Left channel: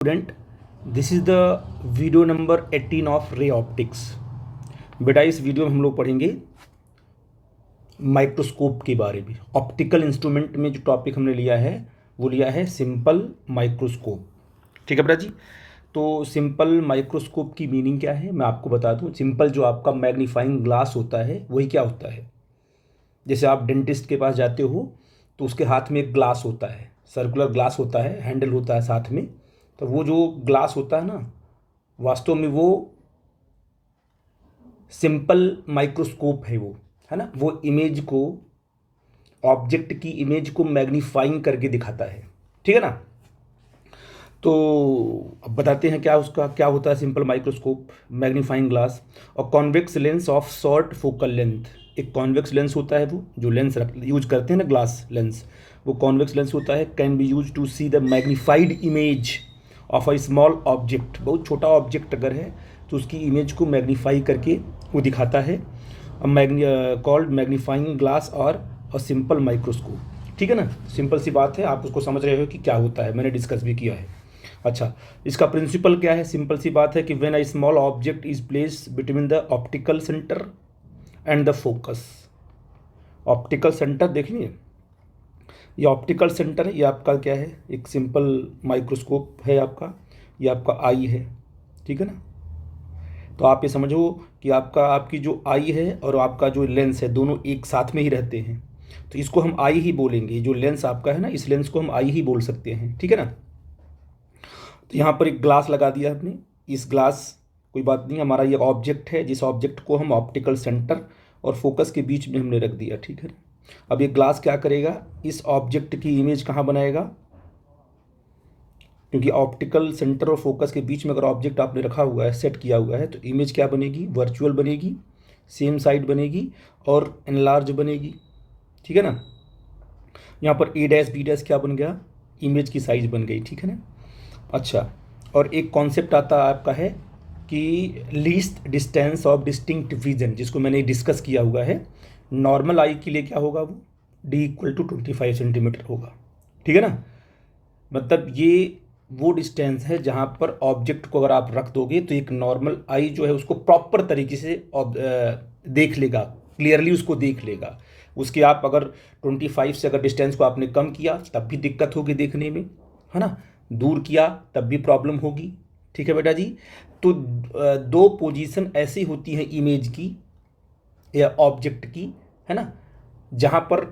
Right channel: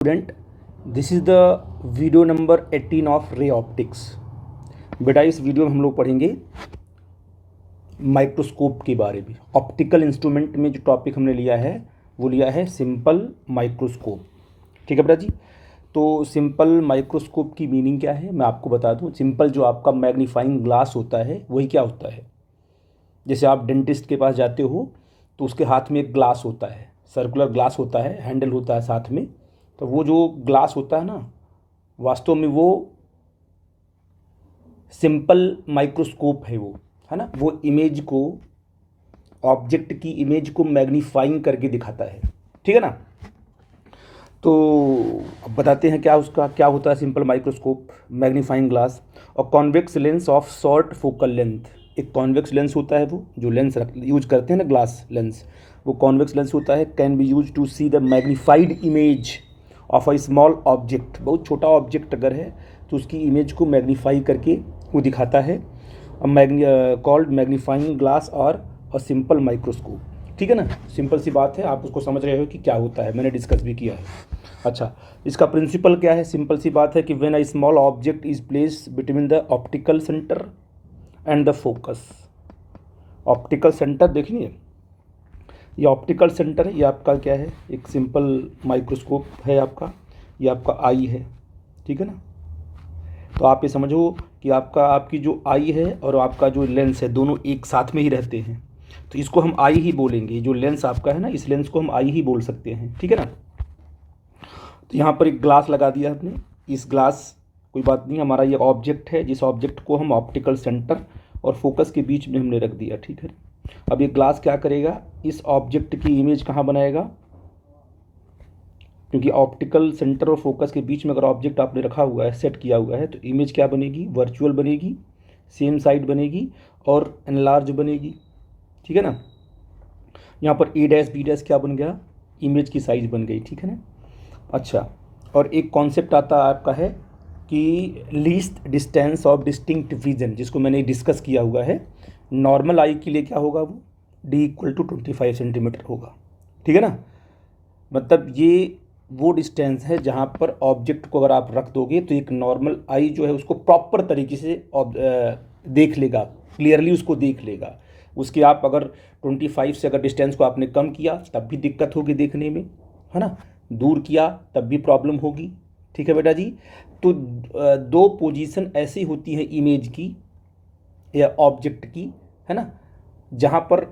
Student, this is the video number 18 of ray optics. बेटा इस video में हम लोग पढ़ेंगे माइक्रोस्कोप के बारे में। ऑप्टिकल इंस्ट्रूमेंट में जो टॉपिक हमने लिया है वो लिया है सिंपल माइक्रोस्कोप। ठीक है बेटा जी। तो सिंपल माइक्रोस्कोप की मीनिंग क्या है मैं आपको बता दूं। सिंपल जो आपका मैग्नीफाइंग ग्लास होता है वही क्या होता है। जैसे आप डेंटिस्ट के पास जाते हो तो उसके हाथ में एक ग्लास होता है, सर्कुलर ग्लास होता है, हैंडल होता है साथ में। तो वो जो ग्लास होता है ना, वास्तव में वो सिंपल माइक्रोस्कोप है वो, है ना। वो इमेज को, ऑब्जेक्ट की इमेज को मैग्नीफाइंग करके दिखाता है। ठीक है ना। तो अब बताते हैं क्या उसका क्या होता है सिंपल माइक्रोस्कोप। मैग्नीफाइंग ग्लास और convex lens of short focal length. एक कॉन्वेक्स लेंस होता है, वो जो लेंस यूज करते हैं ना, ग्लास लेंस, वो कॉन्वेक्स लेंस होता है। Can be use to see the magnified image of a small object. बहुत छोटा ऑब्जेक्ट अगर है तो उसकी इमेज को मैग्नीफाई करके वो दिखाता है। कॉल्ड मैग्नीफाइंग ग्लास और अ सिंपल माइक्रोस्कोप। ठीक है ना। सिंपल सी बात है, आप उसको समझ रहे हो कि क्या होता है, मैंने डिस्कस भी किया है। अच्छा, इसका प्रिंसिपल क्या है। सिंपल सी बात है कि when a small object is placed between the optical centre and the focus. Optical centre देखिए, ये ऑप्टिकल सेंटर है, ये आपका क्या है, एक सिंपल माइक्रोस्कोप है आपका, ये आपका आई है। ठीक है ना। तो आप ये समझो कि आपकी जो आई है और आपका जो लेंस है दोनों एक साथ में ही रहते हैं, तो इसको हम आई ही बोलेंगे। जो लेंस आपका है ना, इस लेंस को हम आई ही बोल सकते हैं। ठीक है ना। तो यहाँ पर एक ग्लास लगा दिया हमने। इस ग्लास, कोई बात नहीं, हमारा ये ऑब्जेक्ट है, जिस ऑब्जेक्ट को हम ऑप्टिकल सेंटर और फोकस के बीच में हमने रख दिया। ठीक है। अब ये ग्लास क्या करेगा, इस ऑब्जेक्ट की इमेज कहाँ बनाएगा, क्योंकि ऑप्टिकल सेंटर और फोकस के बीच में अगर ऑब्जेक्ट आपने रखा हुआ है, सेट किया हुआ है, तो इमेज क्या बनेगी, वर्चुअल बनेगी, सेम साइड बनेगी और एनलार्ज बनेगी। ठीक है ना। यहाँ पर ए डैश बी डैश क्या बन गया, इमेज की साइज बन गई। ठीक है ना। अच्छा, और एक कॉन्सेप्ट आता है आपका है कि least distance of distinct vision, जिसको मैंने डिस्कस किया हुआ है। नॉर्मल आई के लिए क्या होगा, वो डी इक्वल टू 25 सेंटीमीटर होगा। ठीक है ना। मतलब ये वो डिस्टेंस है जहाँ पर ऑब्जेक्ट को अगर आप रख दोगे तो एक नॉर्मल आई जो है उसको प्रॉपर तरीके से देख लेगा, क्लियरली उसको देख लेगा। उसके आप अगर 25 से अगर डिस्टेंस को आपने कम किया तब भी दिक्कत होगी देखने में, है ना। दूर किया तब भी प्रॉब्लम होगी। ठीक है बेटा जी। तो दो पोजीशन ऐसी होती हैं इमेज की या ऑब्जेक्ट की, है ना, जहाँ पर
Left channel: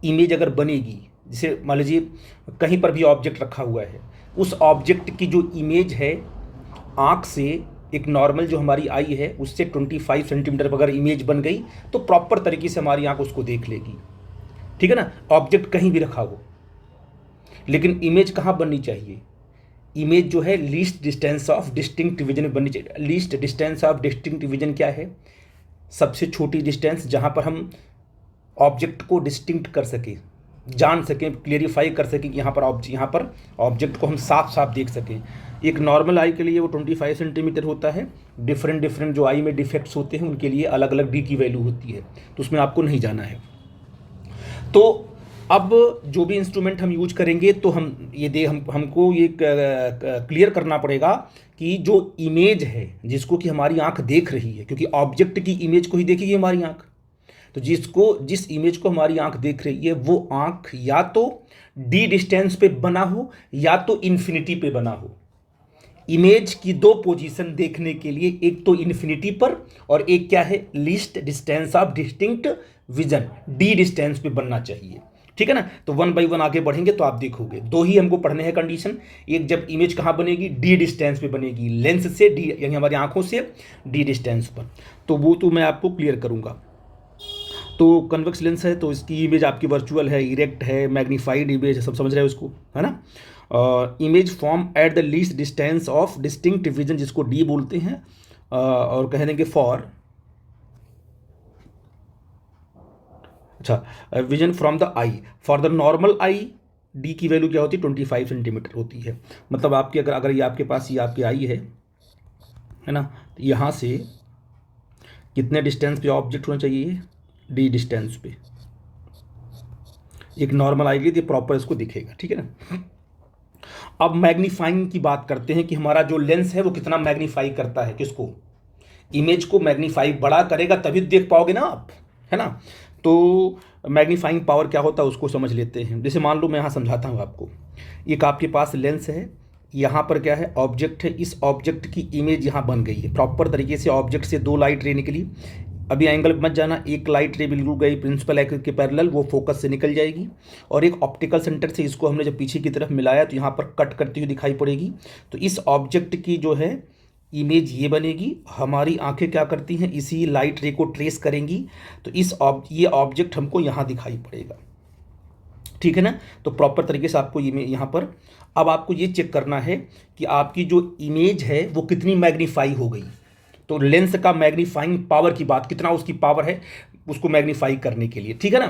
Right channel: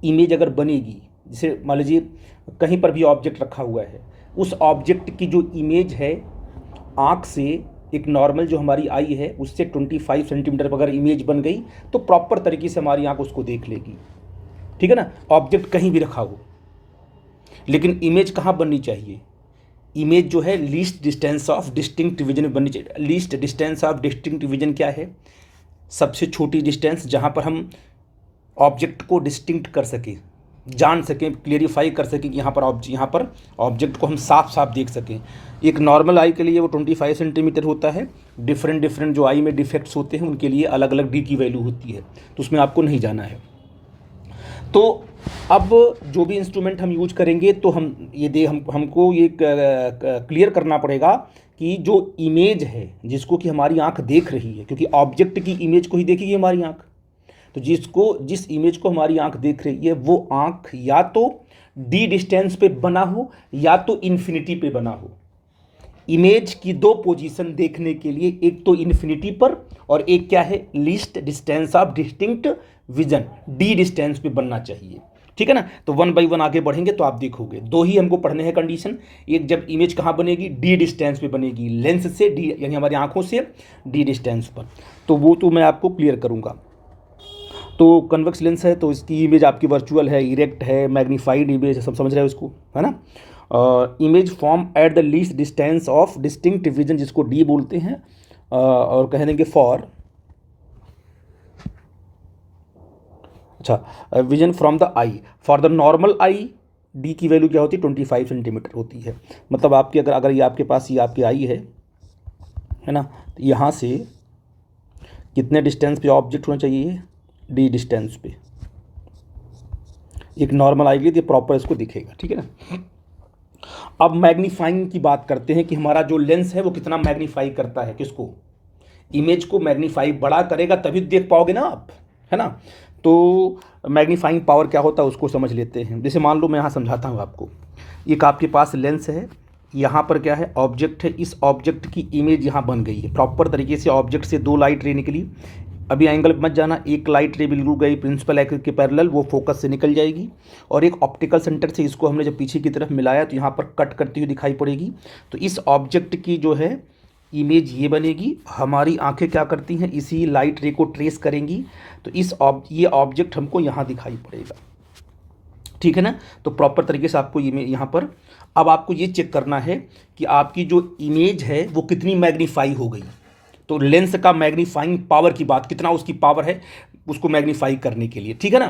इमेज अगर बनेगी, जैसे मान लीजिए कहीं पर भी ऑब्जेक्ट रखा हुआ है, उस ऑब्जेक्ट की जो इमेज है आँख से, एक नॉर्मल जो हमारी आई है उससे 25 सेंटीमीटर पर अगर इमेज बन गई तो प्रॉपर तरीके से हमारी आँख उसको देख लेगी। ठीक है ना। ऑब्जेक्ट कहीं भी रखा हो, लेकिन इमेज कहाँ बननी चाहिए, इमेज जो है least distance of distinct vision बननी चाहिए। Least distance of distinct vision क्या है, सबसे छोटी डिस्टेंस जहाँ पर हम ऑब्जेक्ट को डिस्टिंक्ट कर सकें, जान सकें, क्लियरिफाई कर सकें कि यहाँ पर ऑब्जेक्ट को हम साफ साफ देख सकें। एक नॉर्मल आई के लिए वो 25 सेंटीमीटर होता है। डिफरेंट डिफरेंट जो आई में डिफेक्ट्स होते हैं उनके लिए अलग अलग डी की वैल्यू होती है, तो उसमें आपको नहीं जाना है। तो अब जो भी इंस्ट्रूमेंट हम यूज करेंगे तो हमको ये क्लियर करना पड़ेगा कि जो इमेज है जिसको कि हमारी आंख देख रही है, क्योंकि ऑब्जेक्ट की इमेज को ही देखेगी हमारी आंख, तो जिस इमेज को हमारी आंख देख रही है वो आंख या तो डी डिस्टेंस पे बना हो या तो इन्फिनिटी पे बना हो। इमेज की दो पोजीशन देखने के लिए, एक तो इन्फिनिटी पर और एक क्या है, least distance of distinct vision, D distance पे बनना चाहिए। ठीक है ना। तो वन बाई वन आगे बढ़ेंगे तो आप देखोगे दो ही हमको पढ़ने हैं कंडीशन। एक, जब इमेज कहाँ बनेगी, डी डिस्टेंस पे बनेगी, लेंस से डी यानी हमारी आंखों से डी डिस्टेंस पर, तो वो तो मैं आपको क्लियर करूंगा। तो कन्वेक्स लेंस है तो इसकी इमेज आपकी वर्चुअल है, इरेक्ट है, मैग्नीफाइड इमेज है, सब समझ रहे हो इसको, है ना। Image form at the least distance of distinct vision, जिसको डी बोलते हैं, और कह देंगे फॉर, अच्छा, vision from the I. For the normal I D की वैल्यू क्या होती है, 25 सेंटीमीटर होती है। मतलब आपकी अगर ये आपके पास ये आपकी आई है ना, तो यहाँ से कितने डिस्टेंस पे ऑब्जेक्ट होना चाहिए, डी डिस्टेंस पे। एक नॉर्मल आई लिए प्रॉपर इसको दिखेगा। ठीक है ना। अब मैग्नीफाइंग की बात करते हैं कि हमारा जो लेंस है वो कितना मैग्नीफाई करता है, किसको, इमेज को मैग्नीफाई बड़ा करेगा तभी देख पाओगे ना आप, है ना। तो मैग्नीफाइंग पावर क्या होता है उसको समझ लेते हैं। जैसे मान लो मैं यहाँ समझाता हूँ आपको, एक आपके पास लेंस है, यहाँ पर क्या है, ऑब्जेक्ट है, इस ऑब्जेक्ट की इमेज यहाँ बन गई है प्रॉपर तरीके से। ऑब्जेक्ट से दो लाइट रे निकली, अभी एंगल मत जाना, एक लाइट रे बिल्कुल गई प्रिंसिपल एक्सिस के पैरेलल, वो फोकस से निकल जाएगी, और एक ऑप्टिकल सेंटर से इसको हमने जब पीछे की तरफ मिलाया तो यहाँ पर कट करती हुई दिखाई पड़ेगी। तो इस ऑब्जेक्ट की जो है इमेज ये बनेगी। हमारी आंखें क्या करती हैं, इसी लाइट रे को ट्रेस करेंगी, तो ये ऑब्जेक्ट हमको यहाँ दिखाई पड़ेगा, ठीक है ना। तो प्रॉपर तरीके से आपको ये यहाँ पर अब आपको ये चेक करना है कि आपकी जो इमेज है वो कितनी मैग्नीफाई हो गई। तो लेंस का मैग्नीफाइंग पावर की बात, कितना उसकी पावर है उसको मैग्नीफाई करने के लिए, ठीक है ना।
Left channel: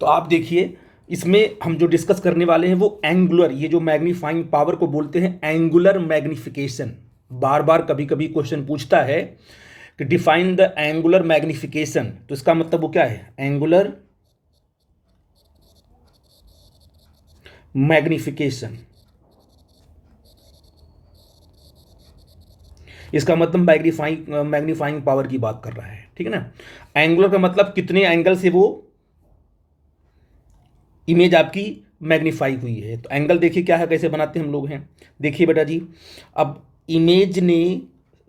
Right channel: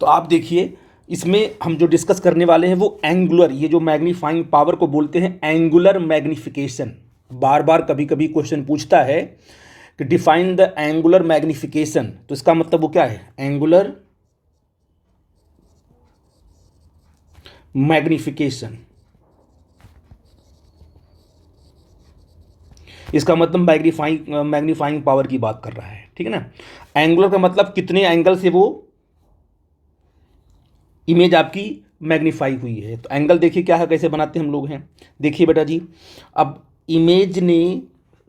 तो आप देखिए इसमें हम जो डिस्कस करने वाले हैं वो एंगुलर, ये जो मैग्नीफाइंग पावर को बोलते हैं एंगुलर मैग्निफिकेशन। बार बार कभी कभी क्वेश्चन पूछता है कि डिफाइन द एंगुलर मैग्निफिकेशन, तो इसका मतलब वो क्या है, एंगुलर मैग्निफिकेशन, इसका मतलब मैग्नीफाइंग पावर की बात कर रहा है, ठीक है ना। एंगुलर का मतलब कितने एंगल से वो इमेज आपकी मैग्नीफाई हुई है। तो एंगल देखिए क्या है, कैसे बनाते हम लोग हैं, देखिए बेटा जी। अब इमेज ने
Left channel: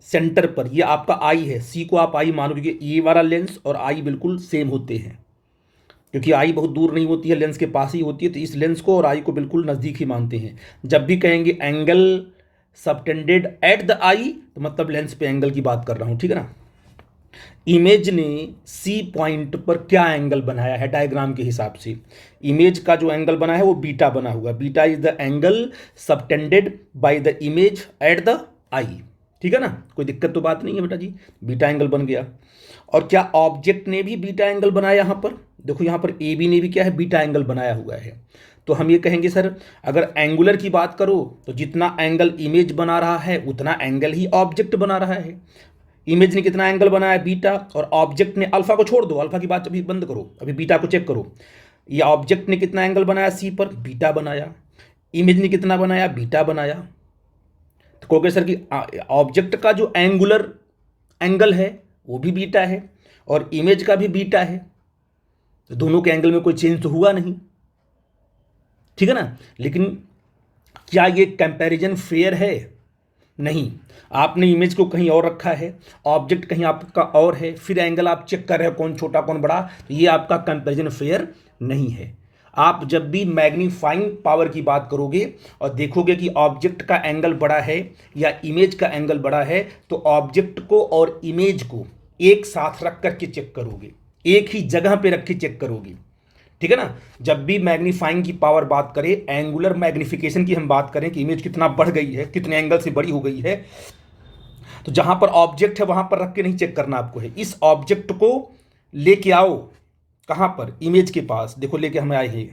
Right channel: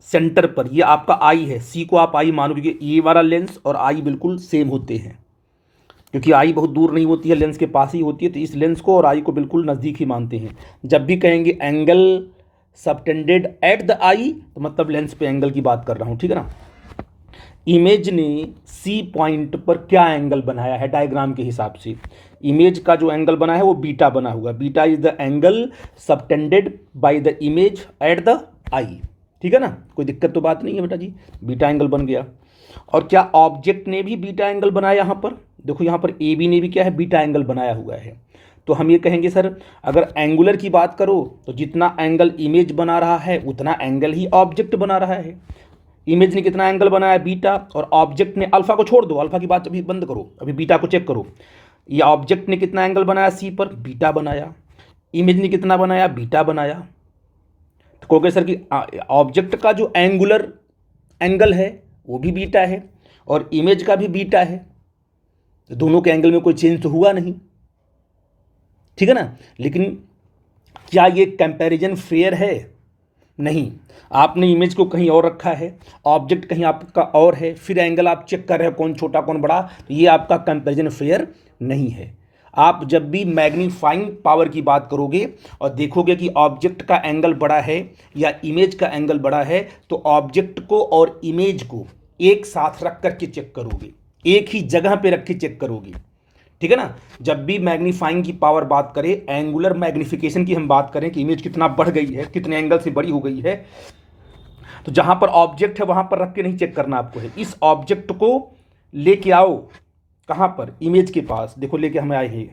सेंटर पर, ये आपका आई है, सी को आप आई मानो, क्योंकि ये वाला लेंस और आई बिल्कुल सेम होते हैं, क्योंकि आई बहुत दूर नहीं होती है, लेंस के पास ही होती है, तो इस लेंस को और आई को बिल्कुल नज़दीक ही मानते हैं। जब भी कहेंगे एंगल सबटेंडेड एट द आई, तो मतलब लेंस पे एंगल की बात कर रहा हूँ, ठीक है ना। इमेज ने सी पॉइंट पर क्या एंगल बनाया है, डायग्राम के हिसाब से इमेज का जो एंगल बना है वो बीटा बना हुआ, beta is the angle subtended by the image at the eye, ठीक है ना। कोई दिक्कत तो बात नहीं है बेटा जी, बीटा एंगल बन गया। और क्या ऑब्जेक्ट ने भी बीटा एंगल बनाया, यहाँ पर देखो, यहाँ पर ए बी ने भी क्या है, बीटा एंगल बनाया हुआ है। तो हम ये कहेंगे सर अगर एंगुलर की बात करो तो जितना एंगल इमेज बना रहा है उतना एंगल ही ऑब्जेक्ट बना रहा है। इमेज ने कितना एंगल बनाया, बीटा, और ऑब्जेक्ट ने, अल्फा को छोड़ दो, अल्फा की बात अभी बंद करो, अभी बीटा को चेक करो। ये ऑब्जेक्ट ने कितना एंगल बनाया सी पर, बीटा बनाया, इमेज ने कितना बनाया, बीटा बनाया। तो कहोगे सर कि ऑब्जेक्ट का जो एंगुलर एंगल है वो भी बीटा है और इमेज का भी बीटा है, तो दोनों के एंगल में कोई चेंज तो हुआ नहीं, ठीक है ना। लेकिन क्या ये कंपैरिजन फेयर है, नहीं। आपने इमेज को कहीं और रखा है, ऑब्जेक्ट कहीं आपका और है, फिर एंगल आप चेक कर रहे हो कौन छोटा कौन बड़ा, तो ये आपका कंपैरिजन फेयर नहीं है। आप जब भी मैग्नीफाइंग पावर की बात करोगे और देखोगे कि ऑब्जेक्ट का एंगल बड़ा है या इमेज का एंगल बड़ा है, तो ऑब्जेक्ट को और इमेज को एक साथ रख करके चेक करोगे, एक ही जगह पे रख के चेक करोगे, ठीक है ना। जब भी मैग्नीफाइंग की पावर बात करें, एंगुलर मैग्निफिकेशन की हम बात करें कि इमेज कितना बढ़ गई है, कितने एंगल से बड़ी हो गई है, तो जहां पर ऑब्जेक्ट है वहां पर रख के नहीं चेक करना आपको है, इस ऑब्जेक्ट को लेके आओ, कहां पर, इमेज के पास, देखो लेके हम आए हैं,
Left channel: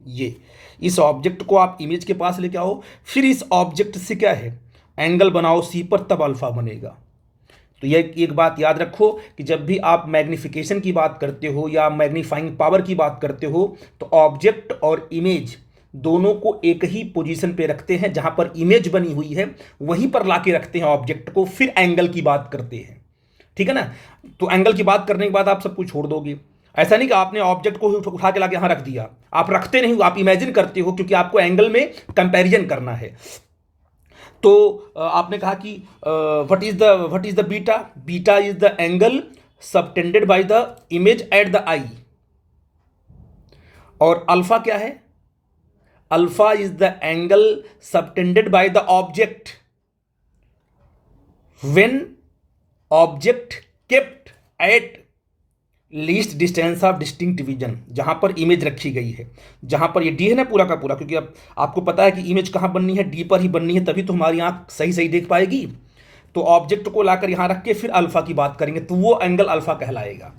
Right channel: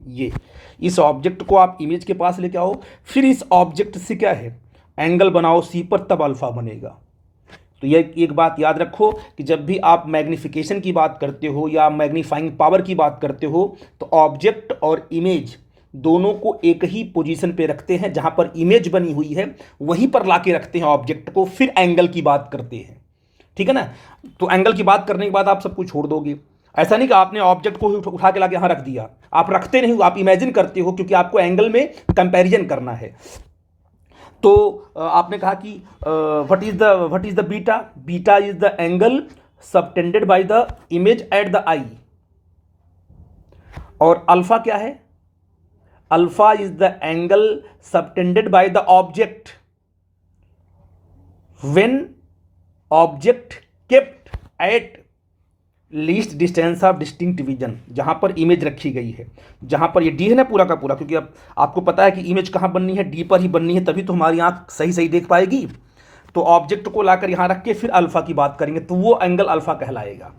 ये इस ऑब्जेक्ट को आप इमेज के पास लेके आओ, फिर इस ऑब्जेक्ट से क्या है, एंगल बनाओ सी पर, तब अल्फा बनेगा। तो ये एक बात याद रखो कि जब भी आप मैग्निफिकेशन की बात करते हो या मैग्नीफाइंग पावर की बात करते हो, तो ऑब्जेक्ट और इमेज दोनों को एक ही पोजीशन पे रखते हैं, जहां पर इमेज बनी हुई है वहीं पर लाके रखते हैं ऑब्जेक्ट को, फिर एंगल की बात करते हैं, ठीक है ना। तो एंगल की बात करने के बाद आप सब कुछ छोड़ दोगे, ऐसा नहीं कि आपने ऑब्जेक्ट को उठा के लाके यहां रख दिया, आप रखते नहीं हो, आप इमेजिन करते हो, क्योंकि आपको एंगल में कंपैरिजन करना है। तो आपने कहा कि what is the beta, beta is the angle subtended by the image at the eye, और अल्फा क्या है, alpha is the angle subtended by the object when object kept at least distance of distinct division, जहां पर image रखी गई है, जहां पर ये डी है ना पूरा का पूरा, क्योंकि अब आपको पता है कि इमेज कहां बननी है, डी पर ही बननी है, तभी तो हमारी आंख सही सही देख पाएगी। तो ऑब्जेक्ट को लाकर यहां रख के फिर अल्फा की बात करेंगे, तो वो एंगल अल्फा कहलाएगा।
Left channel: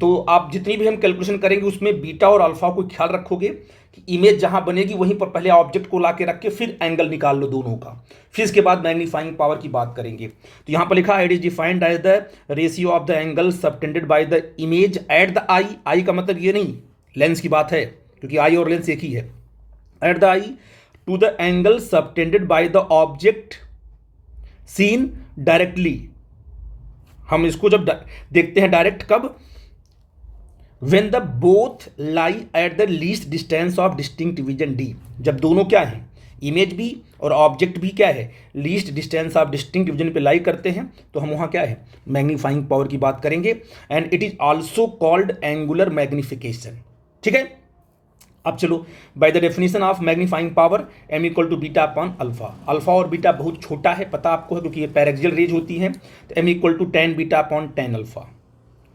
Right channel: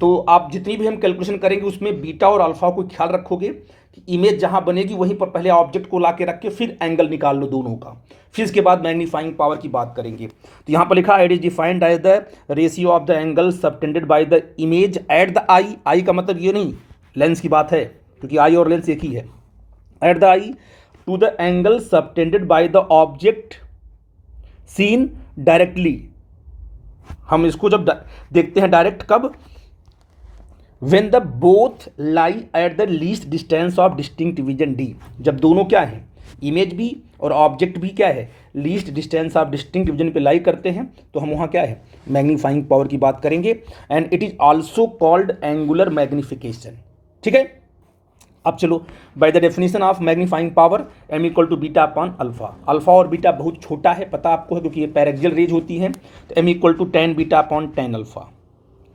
तो आप जितनी भी हम कैलकुलेशन करेंगे उसमें बीटा और अल्फा को ख्याल रखोगे कि इमेज जहां बनेगी वहीं पर पहले ऑब्जेक्ट को लाके रख के फिर एंगल निकाल लो दोनों का, फिर इसके बाद मैग्नीफाइंग पावर की बात करेंगे। तो यहां पर लिखा it is defined as the ratio of the angle subtended by the image at the eye, eye का मतलब ये नहीं लेंस की बात है, क्योंकि आई और लेंस एक ही है, at the eye to the angle subtended by the object seen directly. हम इसको जब देखते हैं डायरेक्ट कब, when the both lie at the least distance of distinct vision d, जब दोनों क्या है, इमेज भी और ऑब्जेक्ट भी क्या है, least distance of distinct vision पे लाई करते हैं, तो हम वहाँ क्या है, मैग्नीफाइंग पावर की बात करेंगे। And it is also called angular magnification. ठीक है, अब चलो, by the definition of magnifying power M equal to beta upon alpha. Alpha और बीटा बहुत छोटा है, पता आपको है, क्योंकि ये पैरेक्सियल रेज होती है, तो M equal to ten beta upon ten alpha.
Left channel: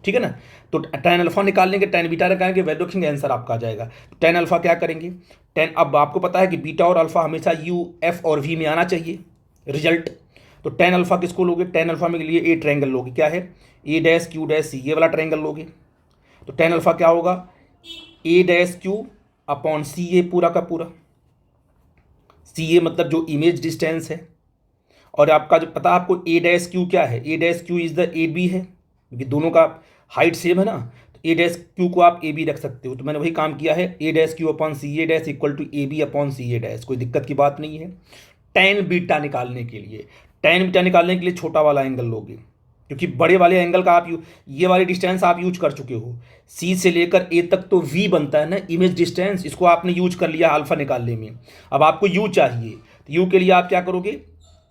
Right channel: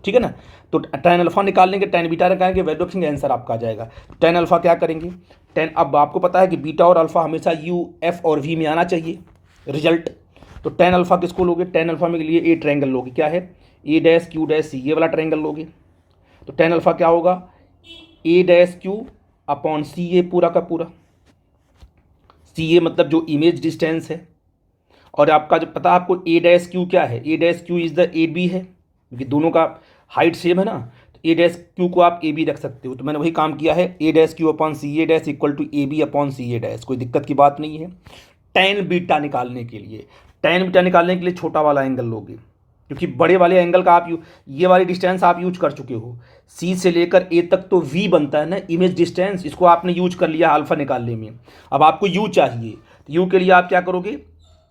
ठीक है ना, तो टेन अल्फा निकाल लेंगे, टेन बीटा निकालेंगे, वैल्यू रखेंगे, आंसर आपका आ जाएगा। टेन अल्फा क्या करेंगे, टेन, अब आपको पता है कि बीटा और अल्फा हमेशा यू एफ और वी में आना चाहिए रिजल्ट। तो टेन अल्फा किसको लोगे, टेन अल्फा में लिए ए ट्रायंगल लोगे, क्या है, A dash Q dash C, ये वाला ट्रायंगल लोगे। तो टेन अल्फा क्या होगा, ए डैश क्यू अपॉन सी ए पूरा का पूरा, सी ए मतलब जो इमेज डिस्टेंस है, और आपका जो पता आपको ए डैश क्यू क्या है, A dash Q is the A B है, क्योंकि दोनों का हाइट सेम है ना, तो ए डैश क्यू को आप ए बी रख सकते हो। तो मैंने वही काम किया है, A dash Q upon C A dash equal to A B upon C A dash, कोई दिक्कत की बात नहीं है। टेन बीटा निकालने के लिए, टेन बीटा निकालने के लिए छोटा वाला एंगल लोगे, क्योंकि बड़े वाले एंगल का आप ये वाली डिस्टेंस आप यूज कर चुके हो, सी से लेकर ए तक तो वी बनता है ना इमेज डिस्टेंस, इसको आपने यूज कर लिया अल्फा निकालने में। अब आपको यू चाहिए, तो यू के लिए आप क्या करोगे,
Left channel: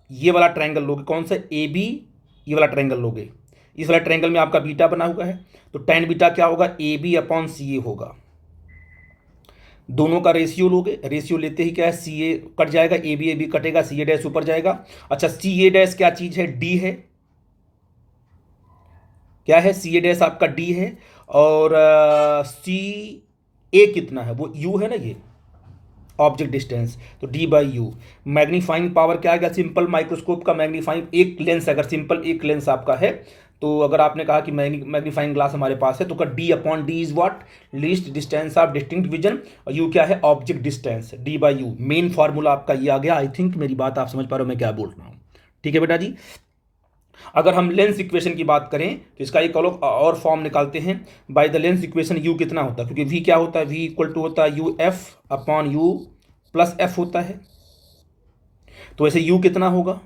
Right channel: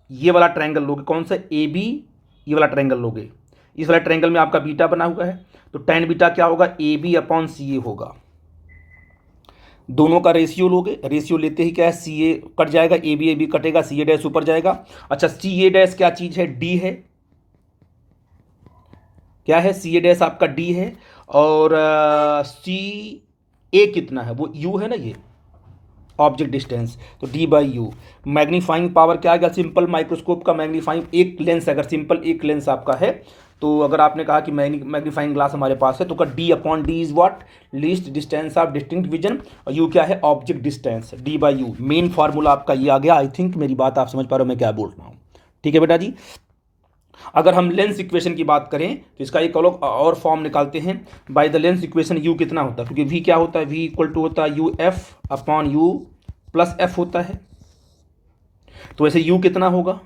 ये वाला ट्रायंगल लोगे, कौन सा, ए बी, ये वाला ट्रायंगल लोगे, इस वाला ट्रायंगल में आपका बीटा बना हुआ है, तो टेन बीटा क्या होगा, ए बी अपॉन सी ए होगा। दोनों का रेशियो लोगे, रेशियो लेते ही क्या है, सी ए कट जाएगा, ए बी कटेगा, सी ए डैश ऊपर जाएगा। अच्छा, सी ए डैश क्या चीज़ है, डी है, क्या है, सी ए डैश आपका डी है, और सी ए कितना है, वो यू है ना, ये ऑब्जेक्ट डिस्टेंस, तो D by you. Magnifying power क्या आएगा, सिंपल माइक्रोस्कोप का मैग्नीफाइंग, एक लेंस अगर सिंपल एक लेंस आपका है, तो अगर आपने कहा कि मैग्नीफाइंग ग्लास हमारे पास है, तो का D upon D is what, least distance of distinct vision, और यू क्या है, object distance, D by you. Main formula आपका ये आ गया। आई थिंक मेरी बात आप समझ पा रहे हो मैं क्या बोल रहा हूँ। ठीक है बेटा जी, अगर हम लेंस इक्वेशन की बात करें तो इसका एक और फॉर्म निकालते हैं। Bye the lens equation you कितना होता है, क्योंकि वी क्या होता है, वी इक्वल टू होता है U F upon U plus F होता है, तो वैसे यू कितना होगा,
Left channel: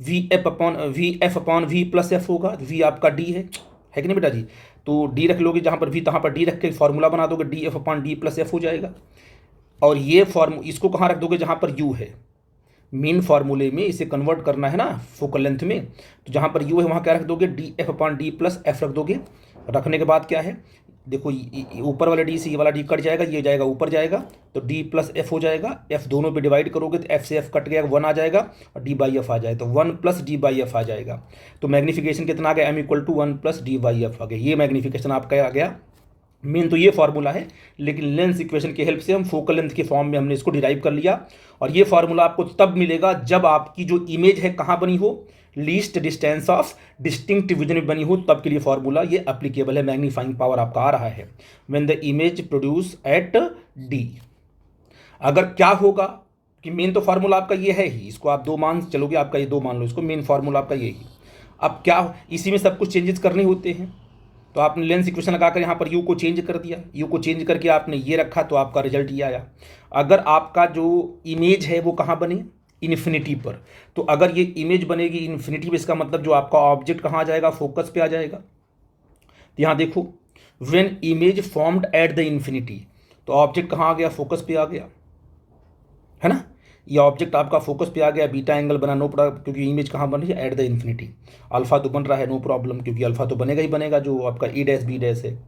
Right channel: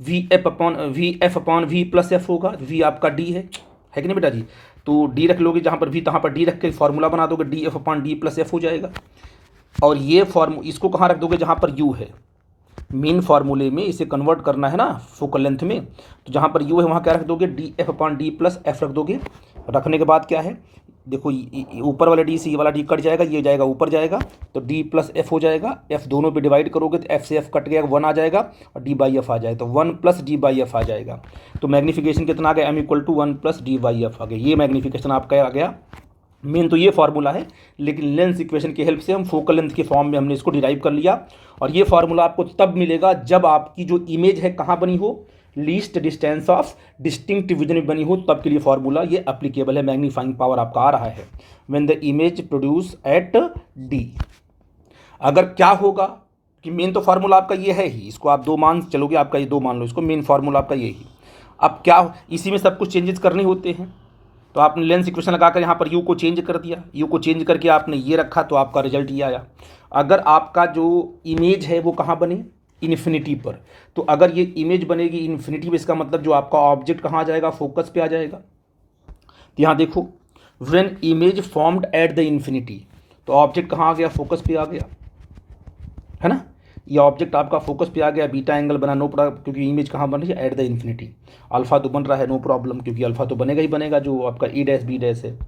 V F upon V plus F होगा, वी आपका डी है कि नहीं बेटा जी, तो डी रख लोगे जहाँ पर वी, तहाँ पर डी रख के फॉर्मूला बना दोगे, D F upon D plus F हो जाएगा। और ये इसको कहाँ रख दोगे, जहाँ पर यू है, मेन फार्मूले में इसे कन्वर्ट करना है ना फोकल लेंथ में, तो जहाँ पर यू है वहाँ क्या रख दोगे, D F upon D plus F रख दोगे। रखने के बाद क्या है, देखो ऊपर वाले डी से ये वाला डी कट जाएगा, ये जाएगा ऊपर जाएगा, तो डी प्लस एफ हो जाएगा। एफ दोनों पे डिवाइड करोगे तो एफ से एफ कट गया, वन आ जाएगा, और डी बाई एफ आ जाएगा, तो one plus D by F आ जाएगा। तो मैग्नीफिकेशन कितना आ गया, M equal to one plus D by F आ गया। ये मैग्नीफिकेशन आपका आ गया। मेन तो ये फार्मूला है, लेकिन लेंस इक्वेशन की हेल्प से हम फोकल लेंथ के फॉर्म में हमने इसको डिराइव कर लिया। और ये फार्मूला आपको तब मिलेगा जब आपकी जो इमेज है कहाँ बनी हो, least distance of distinct vision में बनी हो, तब के लिए फार्मूला ये एप्लीकेबल है। मैग्नीफाइंग पावर आपका आ रहा है when the image produce at D. अगर क्या होगा कि मेन तो फार्मूला आपका ये है ही, इसको आप दो मान चलोगे, आपका ये दो मान लो इसको, मेन फार्मूला आपका ये ही। अब क्या इसी में सब कुछ चेंजेस करने होते हैं, तो आपने लेंस इक्वेशन लगाकर यहाँ पर यू को चेंज कर दिया, यू को चेंज करके आपने ये रखा, तो आपका रिजल्ट ये आया। अगर आपका जो इमेज है वो कहाँ बने, इन्फिनिटी पर, तो अगर ये इमेज बनेगी इन्फिनिटी पे, इसका मतलब जो आपका ऑब्जेक्ट कहाँ आ जाएगा, फोकस पे आ जाएगा। तो यहाँ देखो, when image formed at the infinity, तो ऑब्जेक्ट कहाँ आ गया, फोकस पे आ गया, है ना। ये ऑब्जेक्ट आपका फोकस पे आ गया, बीटा एंगल बना, नो प्रॉब्लम, क्योंकि इमेज कहाँ बन रही है, एट द इन्फिनिटी। अल्फा तो बन रहा है, नो प्रॉब्लम, क्योंकि अल्फा तो बनेगा ही बनेगा, जो आपका ई डैश बी डैश है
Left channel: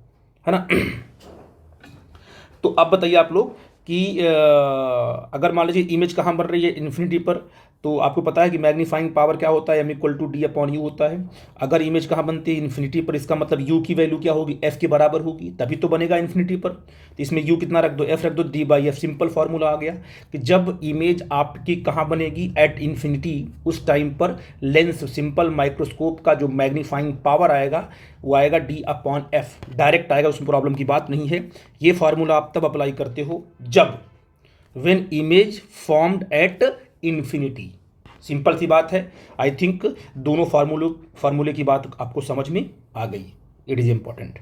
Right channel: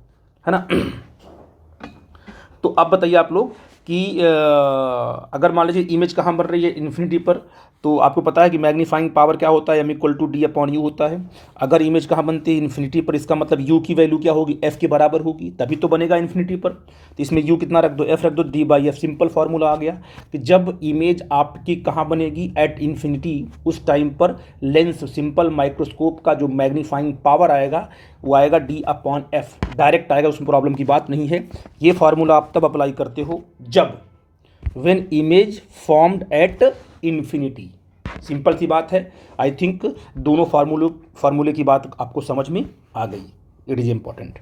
ना। तो अब बताइए आप लोग कि अगर मान लीजिए इमेज कहाँ बन रही है, इन्फिनिटी पर, तो आपको पता है कि मैग्नीफाइंग पावर क्या होता है, M equal to D upon U होता है। अगर इमेज कहाँ बनती है, इन्फिनिटी पर, इसका मतलब यू की वैल्यू क्या होगी, एफ के बराबर होगी, तभी तो बनेगा इन्फिनिटी पर। तो इसमें यू कितना रख दो, एफ रख दो, D by F. Simple formula आ गया कि जब इमेज आपकी कहाँ बनेगी, एट इन्फिनिटी, उस टाइम पर लेंस सिंपल माइक्रोस्कोप का जो मैग्नीफाइंग पावर आएगा वो आएगा डी अपॉन एफ, डायरेक्ट आएगा, उसमें प्रॉब्लम की बात नहीं है। ये फार्मूला आप तब अप्लाई करते हो जब when image formed at infinity. Simple सी बात है। आई थिंक दोनों फार्मूले की बात आपको समझ में आ गई। It is important.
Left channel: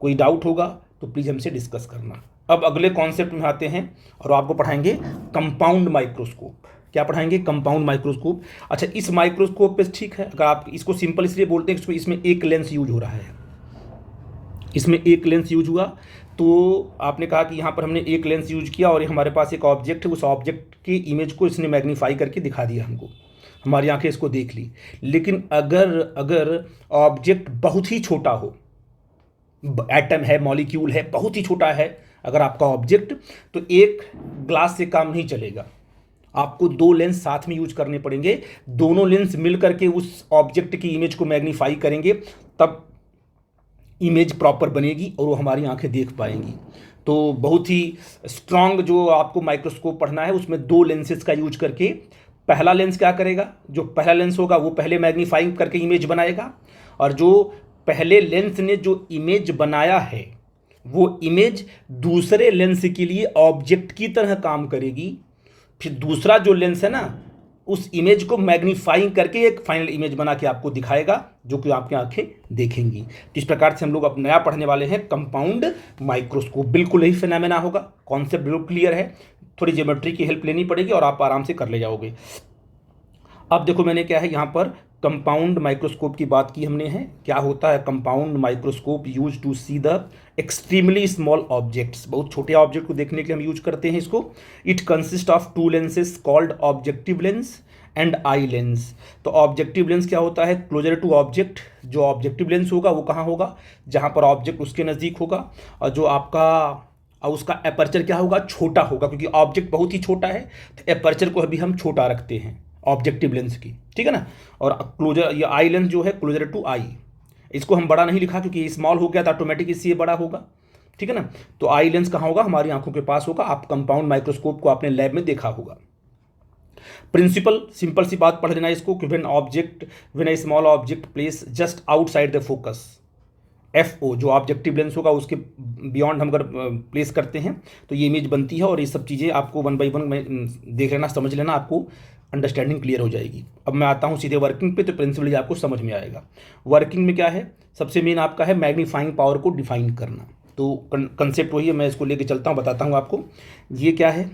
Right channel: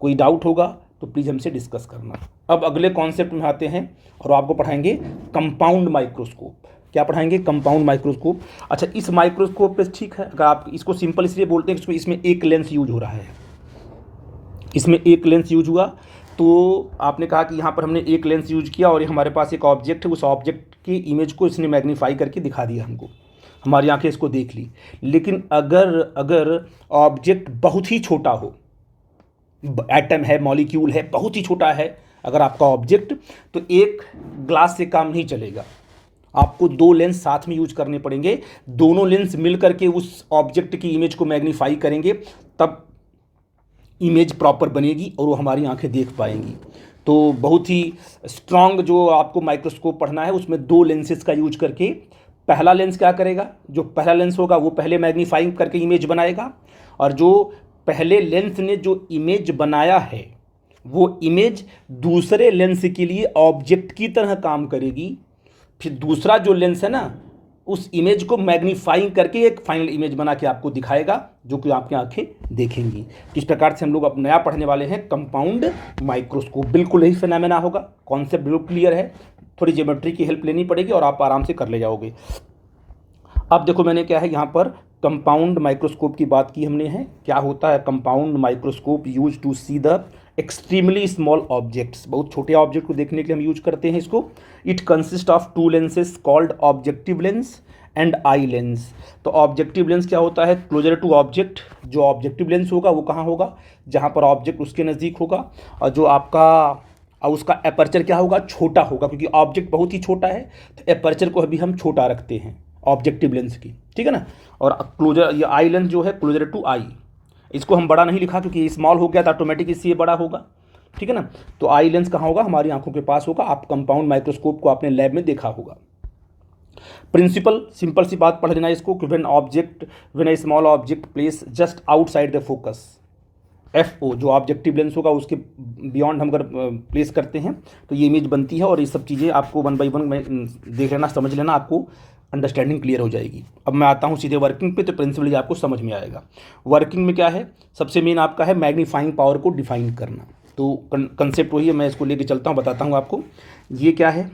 कोई डाउट होगा तो प्लीज़ हमसे डिस्कस करना। अब अगले कॉन्सेप्ट में आते हैं और आपको पढ़ाएंगे कंपाउंड माइक्रोस्कोप। क्या पढ़ाएंगे? Compound microscope. अच्छा, इस माइक्रोस्कोप पे ठीक है, अगर आप इसको सिंपल इसलिए बोलते हैं कि इसमें एक लेंस यूज हो रहा है, इसमें एक लेंस यूज हुआ, तो आपने कहा कि यहाँ पर हमने एक लेंस यूज किया और हमारे पास एक ऑब्जेक्ट है, उस ऑब्जेक्ट की इमेज को इसने मैग्नीफाई करके दिखा दिया हमको, हमारी आंखें इसको देख ली। लेकिन अगर अगर ऑब्जेक्ट बहुत ही छोटा हो, एटम है, मॉलिक्यूल है, बहुत ही छोटा है अगर आपका ऑब्जेक्ट, तो एक ग्लास से काम नहीं चलेगा, आपको दो लेंस साथ में यूज करने पड़ेंगे। दोनों लेंस मिल करके उस ऑब्जेक्ट की इमेज को मैग्नीफाई करेंगे, तब इमेज प्रॉपर बनेगी और वो हमारी आंखें देख पाएंगी। तो बहुत ही स्ट्रांग जो आपको माइक्रोस्कोप पढ़ना है, उसमें दो लेंसेज का यूज करके, पहला लेंस क्या करेगा, जो पहला लेंस होगा वो पहले मैग्नीफाई करके इमेज बनाएगा, और जो पहले लेंस ने जो इमेज बनाया है वो इमेज दूसरे लेंस के लिए ऑब्जेक्ट की तरह काम करेगी। फिर दूसरा जो लेंस है ना, उस इमेज को मैग्नीफाइंग करके एक फाइनल इमेज बना के आपको दिखाएगा, जो कि आपकी आंखें देखेंगी। इस प्रकार से हम लोग अब नया पढ़ने वाले हैं कंपाउंड माइक्रोस्कोप। बिल्कुल यही फिनोमेना होगा, कॉन्सेप्ट बिल्कुल क्लियर है, थोड़ी ज्योमेट्री की हेल्प लेनी पड़ेगी और आप आराम से कर ले जाओगे। अब देखो मैंने क्या है यहाँ पर कंपाउंड माइक्रोस्कोप की बात की हमने है। क्या होता है compound microscope? Use to see the extremely small objects, बहुत छोटे ऑब्जेक्ट को देखने के लिए हम यूज करते हैं इसको। It consist of two lenses called objective lens and eye lens. तो ऑब्जेक्टिव लेंस क्या होता है? Closer to object. जो ऑब्जेक्टिव लेंस होगा वो कहाँ होगा? जहाँ पर ऑब्जेक्ट उसके नज़दीक होगा, और जो आपका उसका एपर्चर क्या होगा? छोटा होगा, क्योंकि ऑब्जेक्ट बहुत ही छोटा है तो एपर्चर को अभी हम छोटा रखते हैं ऑब्जेक्टिव लेंस की, ठीक है ना। और क्लोजर, ये आई लेंस जो है क्लोजर टू आई, इसको हम बड़ा नहीं लिखा क्योंकि स्मॉल हो गया तो ऑटोमेटिक इससे ये बड़ा होगा, ठीक है ना। तो आई लेंस कहाँ होगा? हमारी आंखों के पास होगा। आप कंपाउंड माइक्रोस्कोप को आपने लैब में देखा होगा। प्रिंसिपल, सिंपल सी बात पढ़ लेना इसको कि when A small object place just outside the focus, FO जो ऑब्जेक्टिव लेंस होगा उसके बियॉन्ड हम अगर प्लेस करते हैं तो ये इमेज बनती है। और ये सब चीज़ें आपको वन बाई वन देख लेना, समझ लेना, आपको अंडरस्टैंडिंग क्लियर हो जाएगी। अब मैं आता हूँ सीधे वर्किंग पे, तो प्रिंसिपली आपको समझ में आएगा। वर्किंग में क्या है? सबसे मेन आपका है मैग्नीफाइंग पावर को डिफाइन करना। तो कंसेप्ट वही है, मैं इसको लेके चलता हूँ, बताता हूँ आपको ये क्या है।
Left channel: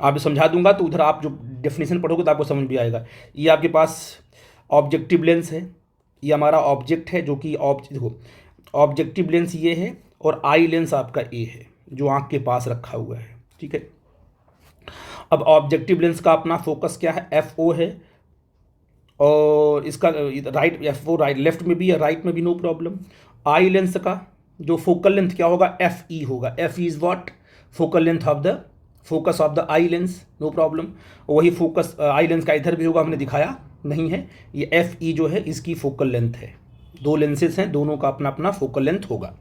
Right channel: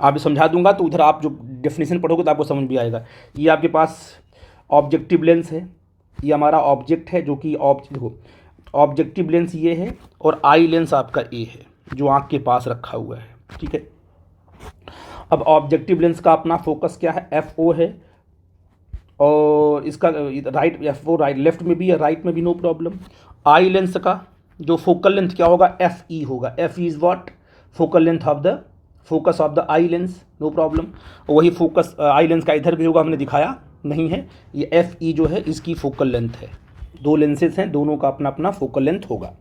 आप समझा दूंगा तो उधर आप जो डेफिनेशन पढ़ोगे तो आपको समझ भी आएगा। ये आपके पास ऑब्जेक्टिव लेंस है, ये हमारा ऑब्जेक्ट है, जो कि देखो ऑब्जेक्टिव लेंस ये है और आई लेंस आपका ए है जो आँख के पास रखा हुआ है, ठीक है। अब ऑब्जेक्टिव लेंस का अपना फोकस क्या है? FO है, और इसका राइट FO राइट, लेफ्ट में भी है, राइट में भी, नो प्रॉब्लम। आई लेंस का जो फोकल लेंथ क्या होगा? FE होगा। FE is what? Focal length of the focus of the eye lens, no problem. वही फोकस आई लेंस का इधर भी होगा, हमने दिखाया नहीं है। ये FE जो है इसकी फोकल लेंथ है। दो लेंसेज हैं, दोनों का अपना अपना फोकल लेंथ होगा।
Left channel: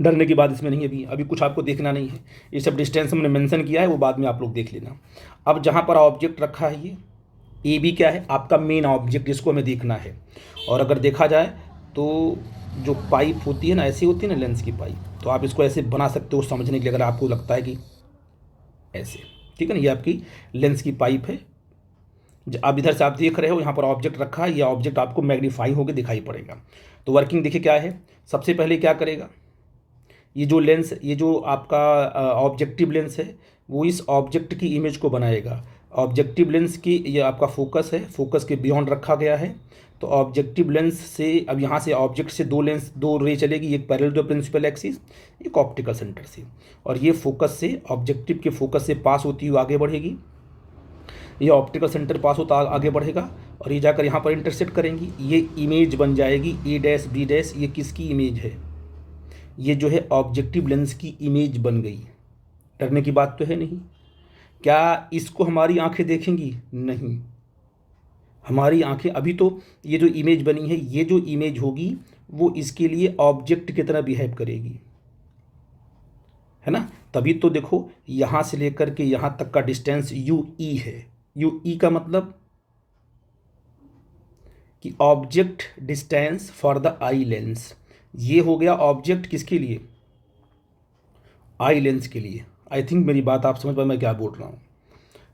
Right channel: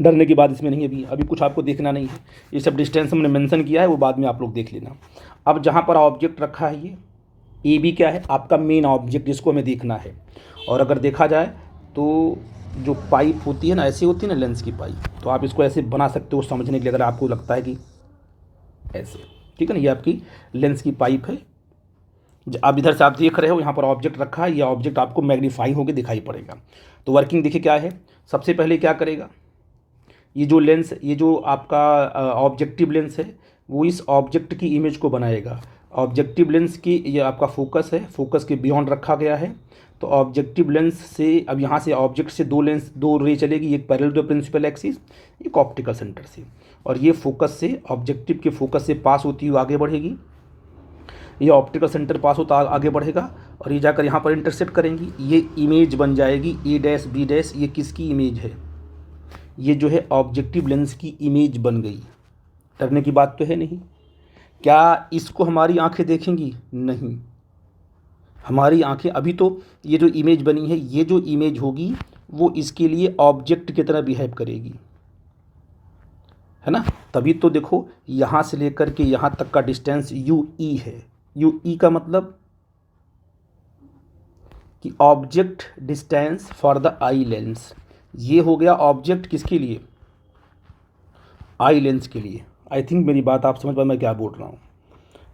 डरने की बात इसमें नहीं है, अभी कुछ आपको देखना नहीं है। ये सब डिस्टेंस हमने मेंशन किया है, वो बाद में आप लोग देख लेना। अब जहाँ पर ऑब्जेक्ट रखा है ये AB क्या है? आपका मेन ऑब्जेक्ट, जिसको हमें देखना है। और अगर देखा जाए तो जो पाइप होती है ना, ऐसी होती है ना लेंस की पाइप, तो आप इसको ऐसे बना सकते हो समझने के लिए, अगर आपको लगता है कि ऐसे, ठीक है ना। ये आपकी लेंस की पाइप है। अब इधर से आप देख रहे हो, यहाँ पर ऑब्जेक्ट रखा है, ये ऑब्जेक्ट आपको मैग्नीफाई होकर दिखाई पड़ेगा। तो वर्किंग देखिए क्या है। सबसे पहले क्या करेगा? ये जो लेंस, ये जो आपका ऑब्जेक्टिव लेंस है, वो इस ऑब्जेक्ट की इमेज को बनाएगा। ऑब्जेक्टिव लेंस की ये आपका फोकस है, फोकस के बियॉन्ड रखा गया है। तो ऑब्जेक्टिव लेंस से अब यहाँ से ऑब्जेक्ट से दो रे चलेगी, एक पैरेलल टू प्रिंसिपल एक्सिस, एक ऑप्टिकल सेंटर से, और ये फोकस से, ऑब्जेक्टिव के फोकस से पास होती हुई आगे बढ़ेगी। ये ऑप्टिकल सेंटर पास होता आगे बढ़ेगा और ये जाकर यहाँ पर इंटरसेक्ट करेंगी। ये इमेज बन जाएगी A' B'। ये किसकी इमेज है? ये जो है ऑब्जेक्टिव लेंस की इमेज बन गई। डरने की बात तो है नहीं। क्या इसको हमारी आंखें देखेंगी? नहीं। हमारी आंखें अभी तो ये जो इमेज बनी है, ये जो इमेज होगी वो इसके लिए ऑब्जेक्ट की तरह बिहेव करेगी, है ना। तभी तो देखो यहाँ से लेकर के यहाँ तक का डिस्टेंस UE है। UE का मतलब कि object distance for the eye lens. ये हो गया ऑब्जेक्ट किसके लिए? आई लेंस के लिए। आई थिंक मेरी बात आप समझ पाए मैं क्या बोल रहा हूँ।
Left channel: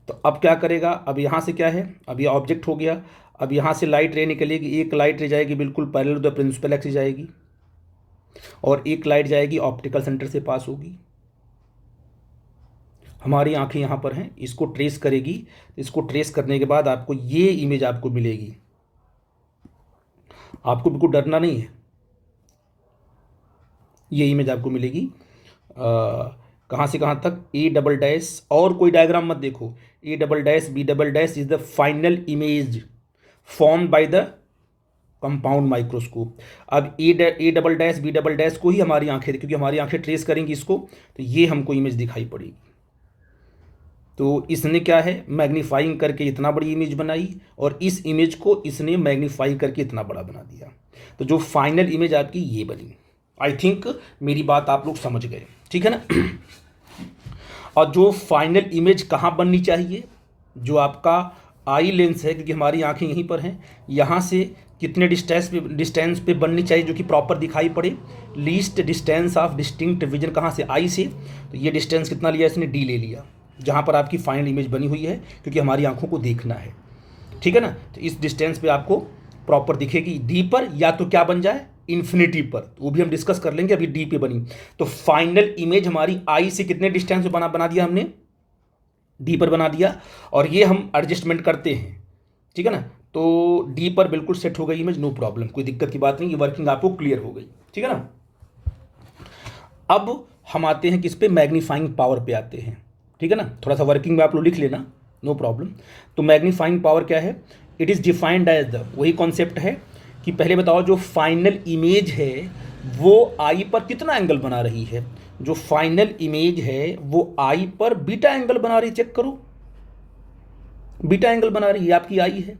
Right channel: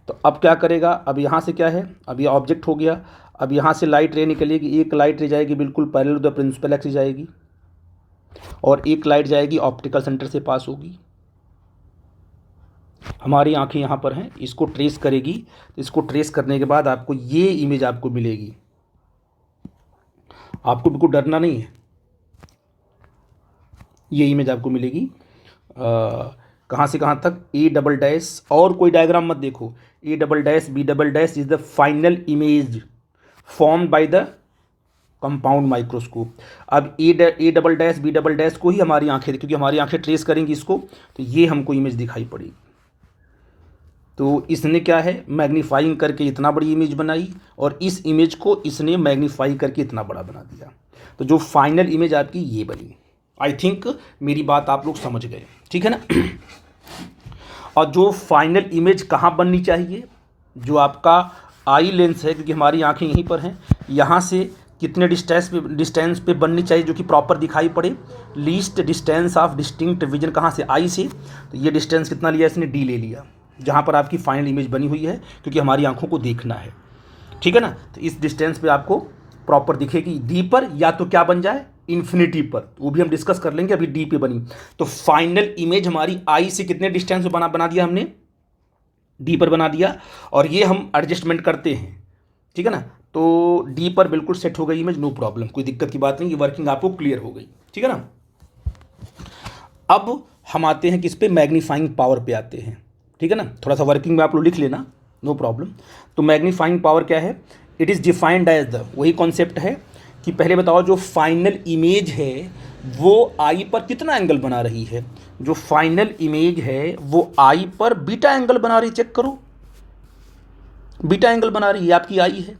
तो अब क्या करेगा? अब यहाँ से क्या है? अब ये ऑब्जेक्ट हो गया। अब यहाँ से लाइट रे निकलेगी, एक लाइट रे जाएगी बिल्कुल parallel to the principal axis जाएगी, और एक लाइट जाएगी ऑप्टिकल सेंटर से पास होगी। हमारी आंखें यहाँ पर हैं, इसको ट्रेस करेगी, इसको ट्रेस करने के बाद आपको ये इमेज आपको मिलेगी। आपको बिल्कुल डरना नहीं है, ये इमेज आपको मिलेगी। कहाँ से कहाँ तक, ए डबल डैश, और कोई डायग्राम मत देखो, A double dash B double dash is the final image formed by the compound microscope. अब A double dash B double dash को ही हमारी आंखें, क्योंकि हमारी आंखें ट्रेस करेंगी इसको, तो ये हमको इमेज दिखाई पड़ेगी। तो इसने क्या है, मैग्नीफाइंग करके इतना बड़ी इमेज बनाई, और इस इमेज को इसने मैग्नीफाई करके इतना बड़ा बना दिया। तो जो फाइनल इमेज आपकी ये बनी। आई थिंक मेरी बात आप लोग समझ गए, ठीक है ना। और जो फाइनल इमेज कहाँ बननी चाहिए, जो आपका आई लेंस है, क्योंकि हमारी आंखें यहीं पर हैं, यहाँ से कितने डिस्टेंस पे बननी चाहिए जो कि प्रॉपर दिखाई पड़े। Least distance of distinct vision कहाँ से, आई से। तो ये डिस्टेंस कितना लिया इसने, डी ले लिया, जहाँ पर आपकी फाइनल इमेज बनी हुई है, क्योंकि हमारी आंखों को देखना है, ठीक है ना। तो इस डिस्टेंस पे आपको प्रॉपर दिखेगी, डी पर, या तो क्या बन जाए, इन्फिनिटी पर, वो भी हम डिस्कस कर लेंगे। अभी डी पे बनी, तो फाइनल इमेज हमारी आई से कितने डिस्टेंस पे बना दिया हमने, डी पर बना दिया। और ये हम एडजस्टमेंट करते हैं, ठीक है ना। तो डी पर बिल्कुल सेट हो गई इमेज, नो प्रॉब्लम, कोई दिक्कत की बात नहीं, ये वर्किंग आपको क्लियर हो गई, ठीक है ना। अब हम आते हैं किस पे, मैग्नीफाइंग पावर पे आते हैं, ठीक है ना। थोड़ा सा वर्किंग में आप लोग लिख लेना, नो प्रॉब्लम। तो मैग्नीफाइंग पावर क्या है, it is defined as the, वही कॉन्सेप्ट है कि पहले बताओ जो फाइनल इमेज है वो आई पर कितना एंगल बना रही है। जो फाइनल इमेज है वो आई पर बीटा एंगल बना रही, चेक करो, बीटा एंगल बना रही है, आपकी आई है,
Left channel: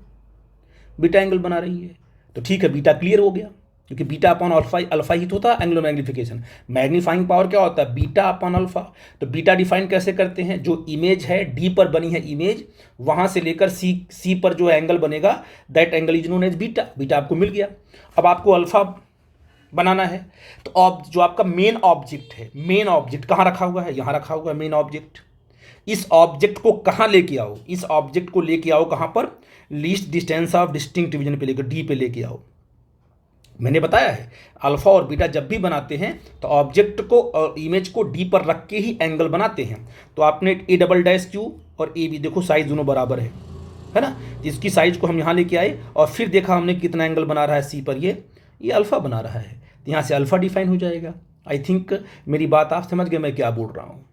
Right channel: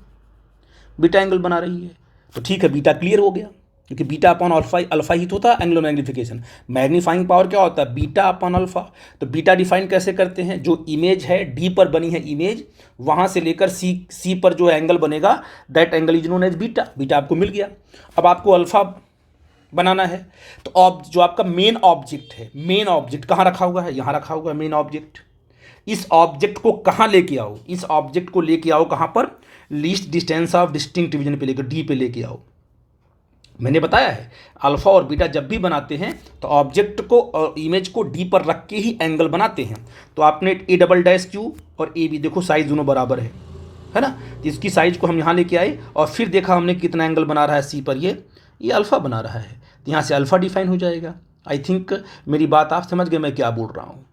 बीटा एंगल बना रही है। तो ठीक है, बीटा क्लियर हो गया, क्योंकि बीटा अपॉन अल्फा, अल्फा ही तो था एंगुलर मैग्नीफिकेशन। मैग्नीफाइंग पावर क्या होता है, बीटा अपॉन अल्फा। तो बीटा डिफाइन कैसे करते हैं, जो इमेज है डी पर बनी है इमेज, वहाँ से लेकर सी पर जो एंगल बनेगा, that angle is known as beta. Beta आपको मिल गया। अब आपको अल्फा बनाना है, तो जो आपका मेन ऑब्जेक्ट है, मेन ऑब्जेक्ट कहाँ रखा हुआ है, यहाँ रखा हुआ है मेन ऑब्जेक्ट। इस ऑब्जेक्ट को कहाँ लेके आओ, इस ऑब्जेक्ट को लेके आओ कहाँ पर, least distance of distinct division पे लेकर, डी पे लेके आओ। मैंने बताया है अल्फा और बीटा जब भी बनाते हैं तो ऑब्जेक्ट को, इमेज को डी पर रख के ही एंगल बनाते हैं। तो आपने ए डबल डैश क्यू और ए बी, देखो साइज दोनों बराबर है ना। इसकी साइज को हम यहाँ लेके आए और फिर देखा हमने कितना एंगल बना रहा है सी पर, ये अल्फा बना रहा है, तो यहाँ से अल्फा डिफाइन हो जाएगा। आई थिंक मेरी बात आप समझ गए मैं क्या बोल रहा हूँ।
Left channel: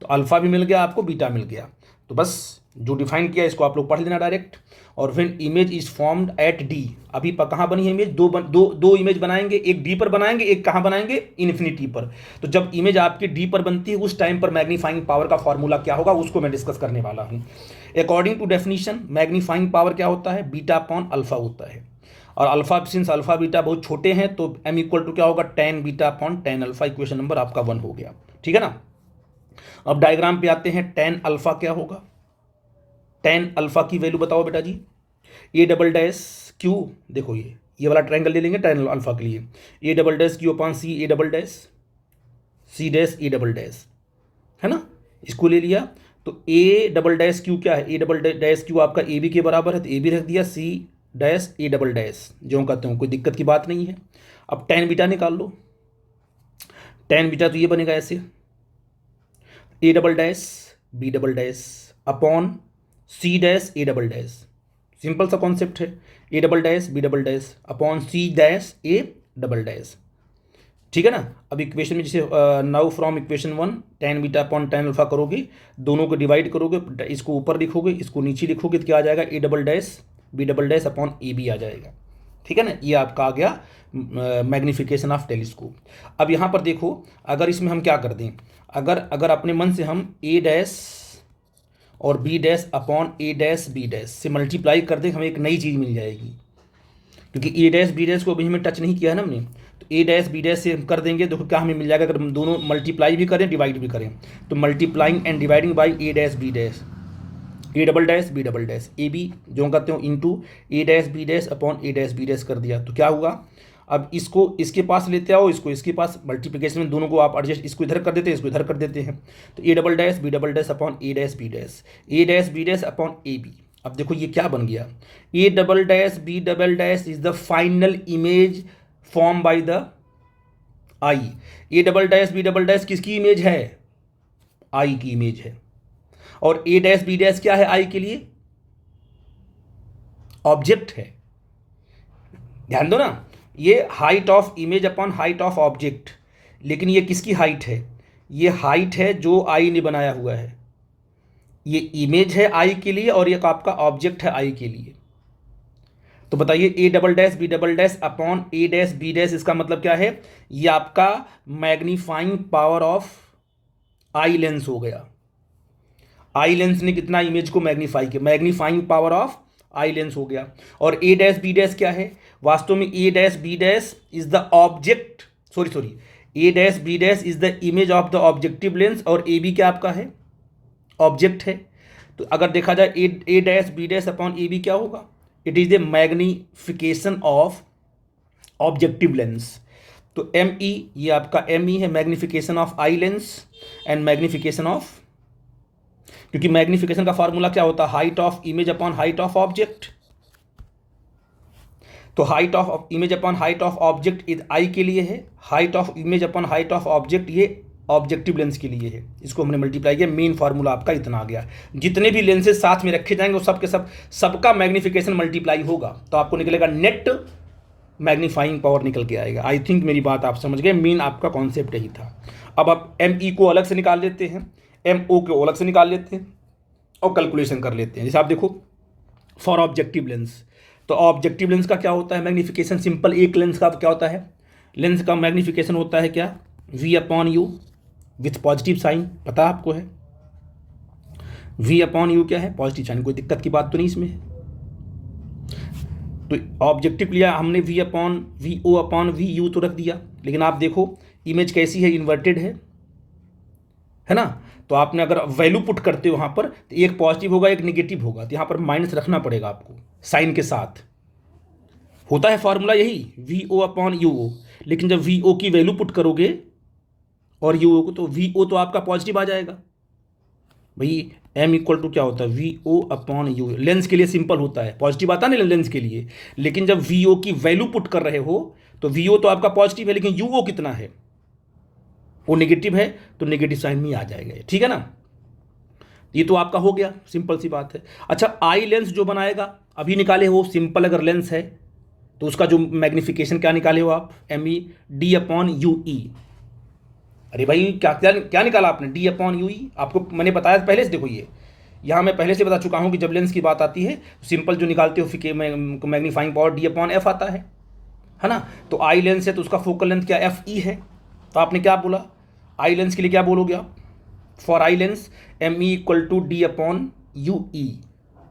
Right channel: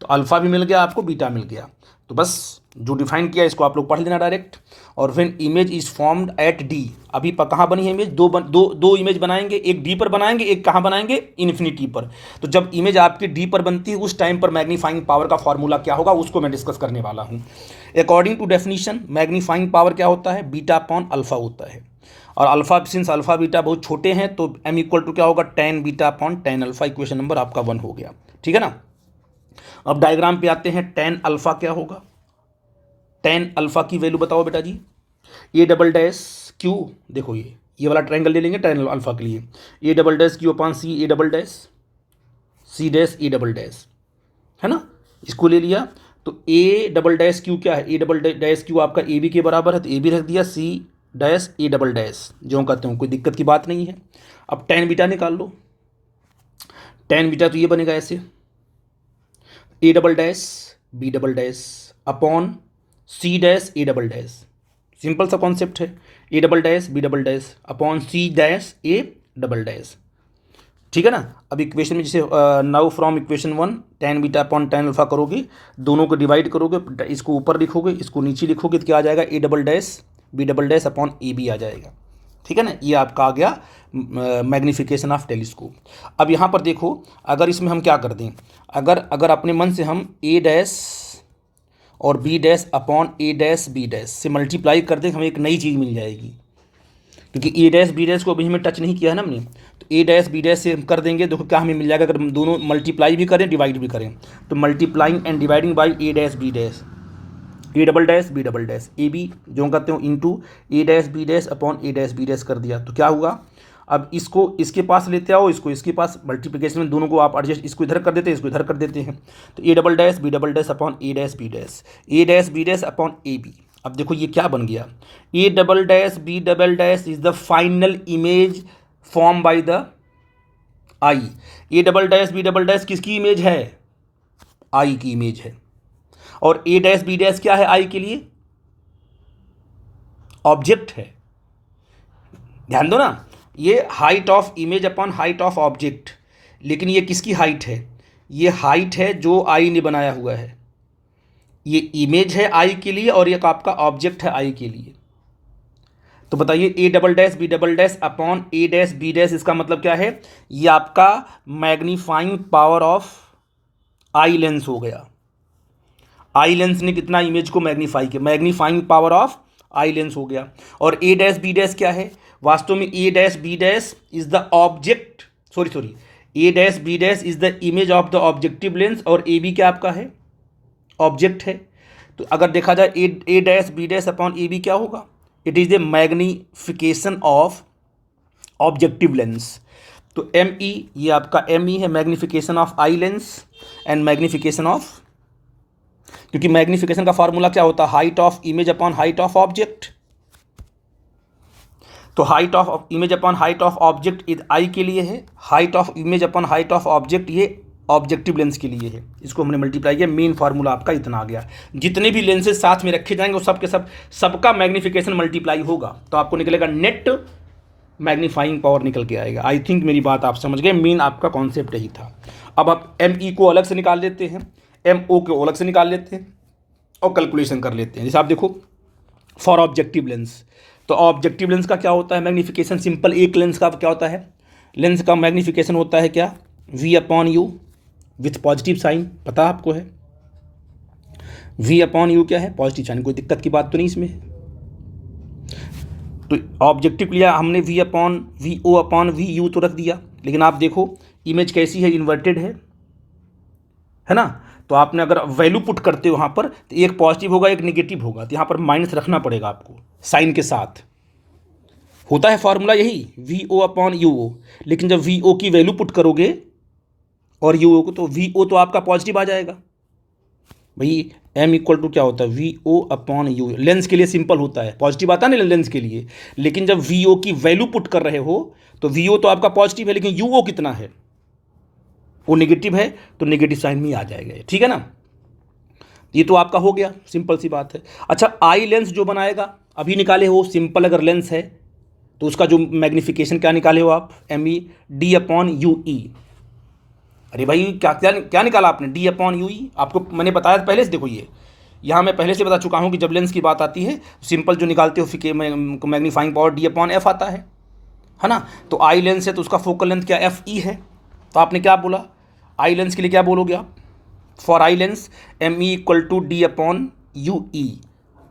तो अल्फा भी मिल गया आपको, बीटा मिल गया, तो बस जो डिफाइन किया इसको आप लोग पढ़ लेना डायरेक्ट। और when image is formed at D, अभी कहाँ बनी है इमेज, दो इमेज बनाएंगे, एक डी पर बनाएंगे, एक कहाँ बनाएंगे, इन्फिनिटी पर। तो जब इमेज आपकी डी पर बनती है उस टाइम पर मैग्नीफाइंग पावर का फॉर्मूला क्या होगा उसको मैं डिस्कस करने वाला हूँ। According to definition magnifying power क्या होता है, बीटा अपॉन अल्फा होता है। और अल्फा, सिंस अल्फा बीटा बहुत छोटे हैं तो एम इक्वल टू क्या होगा, ten beta upon ten alpha. Equation number आपका 1 हो गया, ठीक है ना। अब डायग्राम पे आते हैं, टेन अल्फा क्या होगा, टेन अल्फा की वैल्यू बताओ बेटा जी। ए डबल डैश क्यू, देखो ये वाला ट्रायंगल ले लेंगे टेन अल्फा के लिए, A double dash Q upon C A double dash, C dash A double dash, है ना। इसको ले लिया, तो ए डबल डैश क्यू क्या है, ए डबल डैश क्यू आपका ए बी के बराबर है, तो ए बी रख दिया, C dash A double dash, जो कहते हैं, कोई दिक्कत की बात नहीं है। अब टेन बीटा निकाल लो, टेन बीटा तो ये बनेगा ऐसे, A double dash B double dash upon C dash A double dash, simple सा कॉन्सेप्ट है, A double dash B double dash upon C dash A double dash, ठीक है ना। अब इक्वेशन में जैसे now from equation 1 ten beta upon ten alpha करोगे, दोनों को डिवाइड करोगे, इसको ऊपर लिखोगे इसको नीचे लिखोगे, तो क्या आ जाएगा, A double dash B double dash upon A B आ जाएगा, ठीक है ना। ये आपका आ गया मैग्नीफिकेशन ऑफ टेलीस्कोप। अब यहाँ पर देखो, अगर इसमें हम क्या कर दें, अगर अपने मन से हम ए डैश और B dash upon A dash B dash से मल्टीप्लाई कर दें, हमें एक नई चीज़ मिल जाएगी, क्योंकि ए डैश बी डैश को अभी हमें टच नहीं किया है ना हमने। तो ए डैश बी डैश से कर देंगे, देखो क्या हमें मिल जाएगा, अगर हम दोनों मल्टीप्लाई भी करें डिवाइड भी करें, तो multiplying and dividing by A dash B dash, A double dash B double dash, A B जो कहते हो into A dash B dash upon A dash B dash कर दिया, तो क्या हुआ। अब इसको इसके पास लेते आओ, इसको इसके पास, मल्टीप्लिकेशन में दोनों को आप एडजस्ट, इसको इधर कर देते हैं, इसको इधर कर देते हैं, तो A double dash B double dash upon A dash B dash, A dash B dash upon A B. अब देखो ये क्या बन गया, A double dash B double dash is the final image form by the eye, A double dash B double dash किसकी image है? Eye की image है। और ए डैश बी डैश क्या है आई के लिए? ऑब्जेक्ट है। ध्यान दो ना, ये height of image upon height of object, लेकिन ये किसकी हाइट है? ये हाइट है जो आई ने बनाया हुआ है। ये इमेज है आई के लिए और ये आपका ऑब्जेक्ट है आई के लिए। तो बताइए A double dash B double dash upon A dash B dash, इसका मतलब क्या है? ये आपका magnifying power of eye lens हो गया। आई लेंस ने कितना इमेज को मैग्नीफाई किया, magnifying power of eye lens हो गया। और ए डैश बी डैश क्या है? वास्तव में A dash B dash is the object, sorry A dash B dash is the image of the objective lens, और ए बी क्या आपका है? ऑब्जेक्ट है। तो अगर देखा जाए A dash B dash upon A B क्या होगा? It is the magnification of objective lens. तो एम ई, ये आपका एम ई है, magnification of eye lens and magnification of, क्योंकि मैग्निफिकेशन का फॉर्मूला क्या होता है? Height of image upon height of object. तो height of image upon height of object is eye के लिए है, height of image upon height of object ये ऑब्जेक्टिव लेंस के लिए है। इसको हमने मल्टीप्लाई किया, मेन फार्मूला आपका इतना आ गया। जितने भी लेंसेज साथ में रखे जाएंगे वो सब के सब सबका मैग्निफिकेशन मल्टीप्लाई होगा, तो आपको निकलेगा नेट मैग्नीफाइंग पावर निकल के आएगा। आई थिंक मेरी बात आप समझ गए, मेन आपका कॉन्सेप्ट यही था। अब आप एम ई को अलग से निकाल लेते हैं, एम ओ को अलग से निकाल लेते हैं और कैलकुलेशन कर लेते हैं। जैसे आप देखो फॉर ऑब्जेक्टिव लेंस, तो ऑब्जेक्टिव लेंस का क्या होता है मैग्नीफिकेशन? सिंपल, एक लेंस का क्या होता है? लेंस का मैग्नीफिकेशन होता है क्या? V upon U with positive sign, पता आपको है वी अपॉन यू क्या है? Positive sign. कोई दिक्कत की बात तो नहीं इसमें। तो ऑब्जेक्टिव लिया हमने V O upon V U तो रख दिया, लेकिन आप देखो इमेज कैसी है? इन्वर्टेड है ना? तो आपने अगर वैल्यू पुट करते हो वहाँ पर, तो एक पॉजिटिव होगा एक नेगेटिव होगा, तो यहाँ पर माइनस रखना पड़ेगा आपको साइन के साथ। होता है फॉर्मूला यही वी ओ अपॉन यू ओ, लेकिन जब वी ओ की वैल्यू पुट करोगे और यू ओ को, तो वी ओ तो आपका पॉजिटिव आ जाएगा भाई। एम इक्वल टू क्या होता है? V O upon U. Lens के लिए सिंपल होता है, पॉजिटिव आता नहीं लेंस के लिए, लेकिन जब वी ओ की वैल्यू पुट कर रहे हो तो वी ओ तो आपका पॉजिटिव है, लेकिन यू ओ कितना है? वो नेगेटिव है, तो नेगेटिव साइन में आ जाएगा। ठीक है ना? ये तो आपका हो गया, सिंपल सी बात है। अच्छा, आई लेंस जो बनाएगा अभी निकाले हो, सिंपल अगर लेंस है तो उसका जो मैग्नीफिकेशन क्या निकाले हो आप? M E D upon U E. अरे भाई क्या क्या क्या निकाला आपने? D upon U E. आपको मैंने बताया पहले से, देखो ये यहाँ मैं पहले से बता चुका हूँ कि जब लेंस की बात आती है सिंपल जो निकालते हो फिर magnifying power D upon F आता है ना? तो आई लेंस है तो उसका फोकल लेंथ क्या? एफ ई है। तो आपने क्या बोला? आई लेंस के लिए क्या बोलोगे आप? For eye lens M E equal to D upon U E.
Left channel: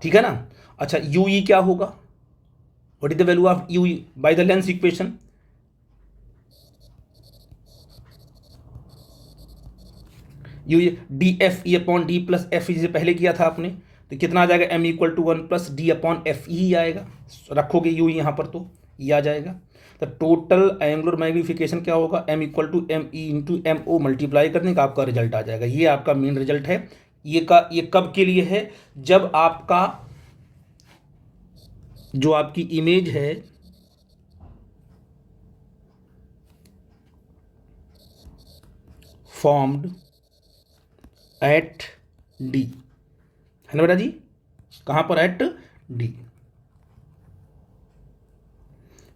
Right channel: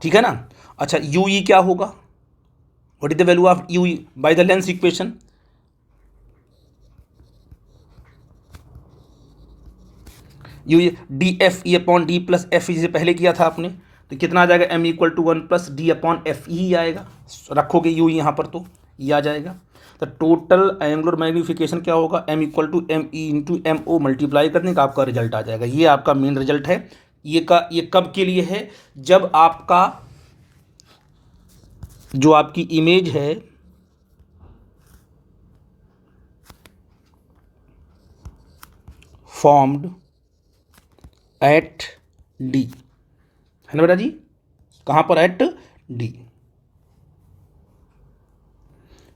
ठीक है ना? अच्छा, यू ई क्या होगा? What is the value of U E by the lens equation? U D F E upon D plus F E से पहले किया था आपने, तो कितना आ जाएगा? M equal to 1 plus D upon F E आएगा। रखोगे यू यहाँ पर तो ये आ जाएगा। तो टोटल एंगुलर मैग्नीफिकेशन क्या होगा? M equal to M E into M O multiply करने का आपका रिजल्ट आ जाएगा। ये आपका मेन रिजल्ट है। ये कब के लिए है? जब आपका जो आपकी इमेज है फॉर्म्ड एट डी, है ना बेटा जी? कहाँ पर? At D.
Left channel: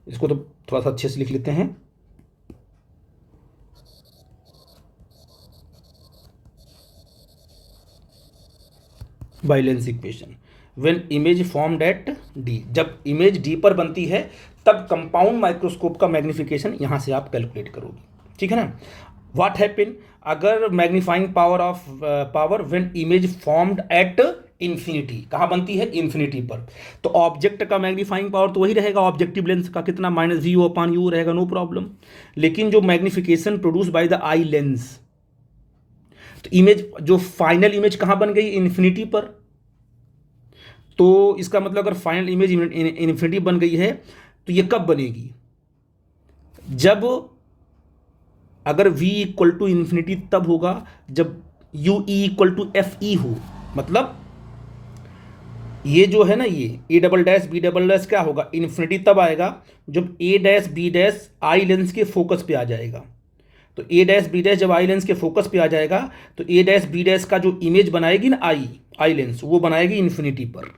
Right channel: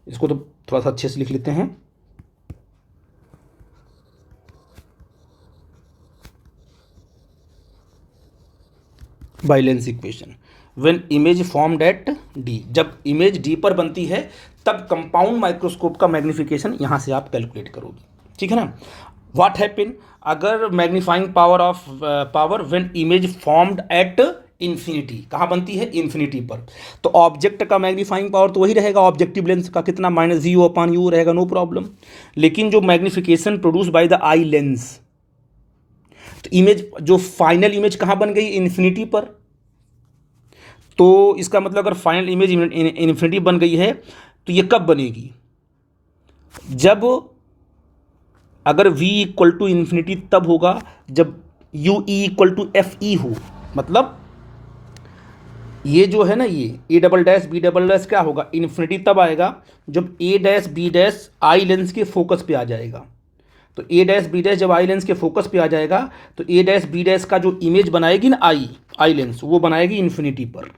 इसको तो थोड़ा सा अच्छे से लिख लेते हैं। By lens equation when image formed at D, जब इमेज डी पर बनती है तब कंपाउंड माइक्रोस्कोप का मैग्नीफिकेशन यहाँ से आप कैलकुलेट करोगे। ठीक है ना? व्हाट हैपन अगर magnifying power when image formed at infinity, कहाँ बनती है? इन्फिनिटी पर। तो ऑब्जेक्ट का मैग्नीफाइंग पावर तो वही रहेगा ऑब्जेक्टिव लेंस का, कितना? Minus V O upon U रहेगा, नो प्रॉब्लम। लेकिन जो magnification produce by the eye lens, तो इमेज जो फाइनल इमेज कहाँ बन गई? इन्फिनिटी पर। तो इसका मतलब अगर फाइनल इमेज इन्फिनिटी बन गई है तो ये कब बनेगी? जब अगर v इक्वल टू इन्फिनिटी तब होगा जब U E equal to F E हो। मतलब ये जो है ना, ये A double dash B double dash क्या होगा? इन्फिनिटी तब आएगा जब A dash B dash eye lens के फोकस पे आ जाएगा। तो ए डैश बी डैश जब आई लेंस के फोकस पे आ जाएगा तो ए डैश बी डैश का जो इमेज बनाएगी ना आई लेंस, वो बनाएगी इन्फिनिटी पर।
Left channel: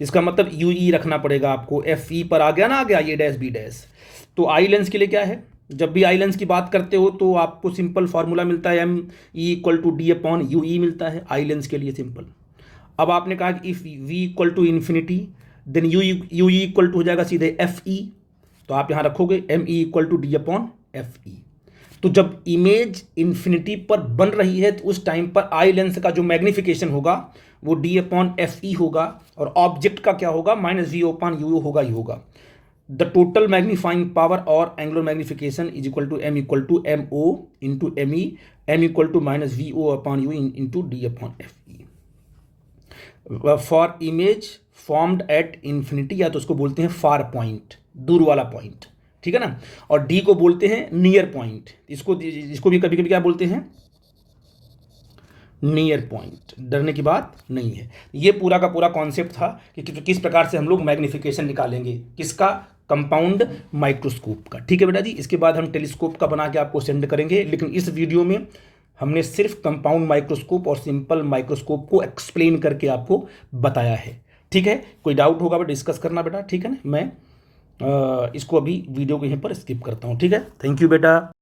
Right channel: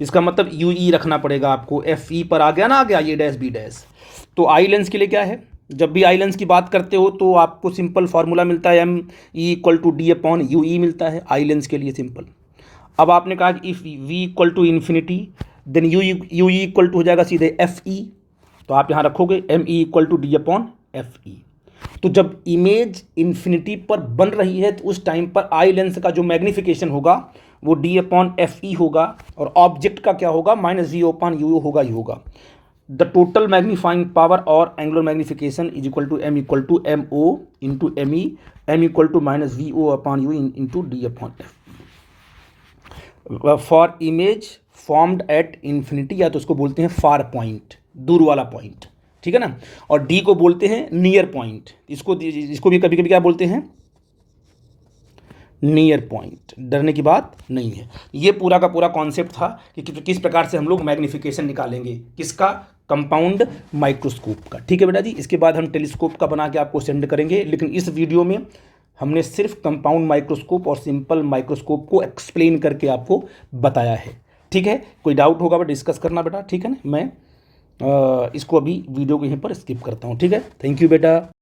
इसका मतलब यू ई रखना पड़ेगा आपको, एफ ई पर आ गया ना, आ गया ए डैश बी डैश। तो आई लेंस के लिए क्या है, जब भी आई लेंस की बात करते हो तो आपको सिंपल फार्मूला मिलता है M E equal to D upon U E मिलता है आई लेंस के लिए, सिंपल। अब आपने कहा कि if V equal to infinity then U E equal to हो जाएगा सीधे एफ ई, तो आप यहाँ रखोगे M E equal to D upon F E. तो जब इमेज इन्फिनिटी पर बन रही है तो उस टाइम पर आई लेंस का जो मैग्नीफिकेशन होगा वो डी अपॉन एफ ई होगा, और ऑब्जेक्ट का क्या होगा, माइनस वी अपॉन यू होगा ही होगा। द टोटल मैग्नीफाइंग पावर और angular magnification is equal to M O into M E, M equal to minus V O upon U into D upon F E. For image formed at infinity, या तो उसको बोलते हैं far point, दूर वाला point, ठीक है ना, और डी को बोलते हैं नियर पॉइंट। इसको भी कभी कभी क्या बोलते हैं, नियर पॉइंट। डरने की बात नहीं है। ये पूरा का पूरा कॉन्सेप्ट था कि किस प्रकार से हम लोग मैग्नीफिकेशन निकालेंगे, किसका, कंपाउंड माइक्रोस्कोप का। ठीक है बेटा जी, इसके बाद हम टेलीस्कोप का बना के आपको सेंड करेंगे, लेकिन इस वीडियो में हमने सिर्फ कंपाउंड माइक्रोस्कोप और सिंपल माइक्रोस्कोप को एक्सप्लेन करके आपको बताया है। ठीक है, कोई डाउट होगा बट डिस्कस करना बेटा, ठीक है ना। मैं इसको अभी वीडियो को यहीं पर स्किप करता हूँ। ठीक है, थैंक यू बेटा।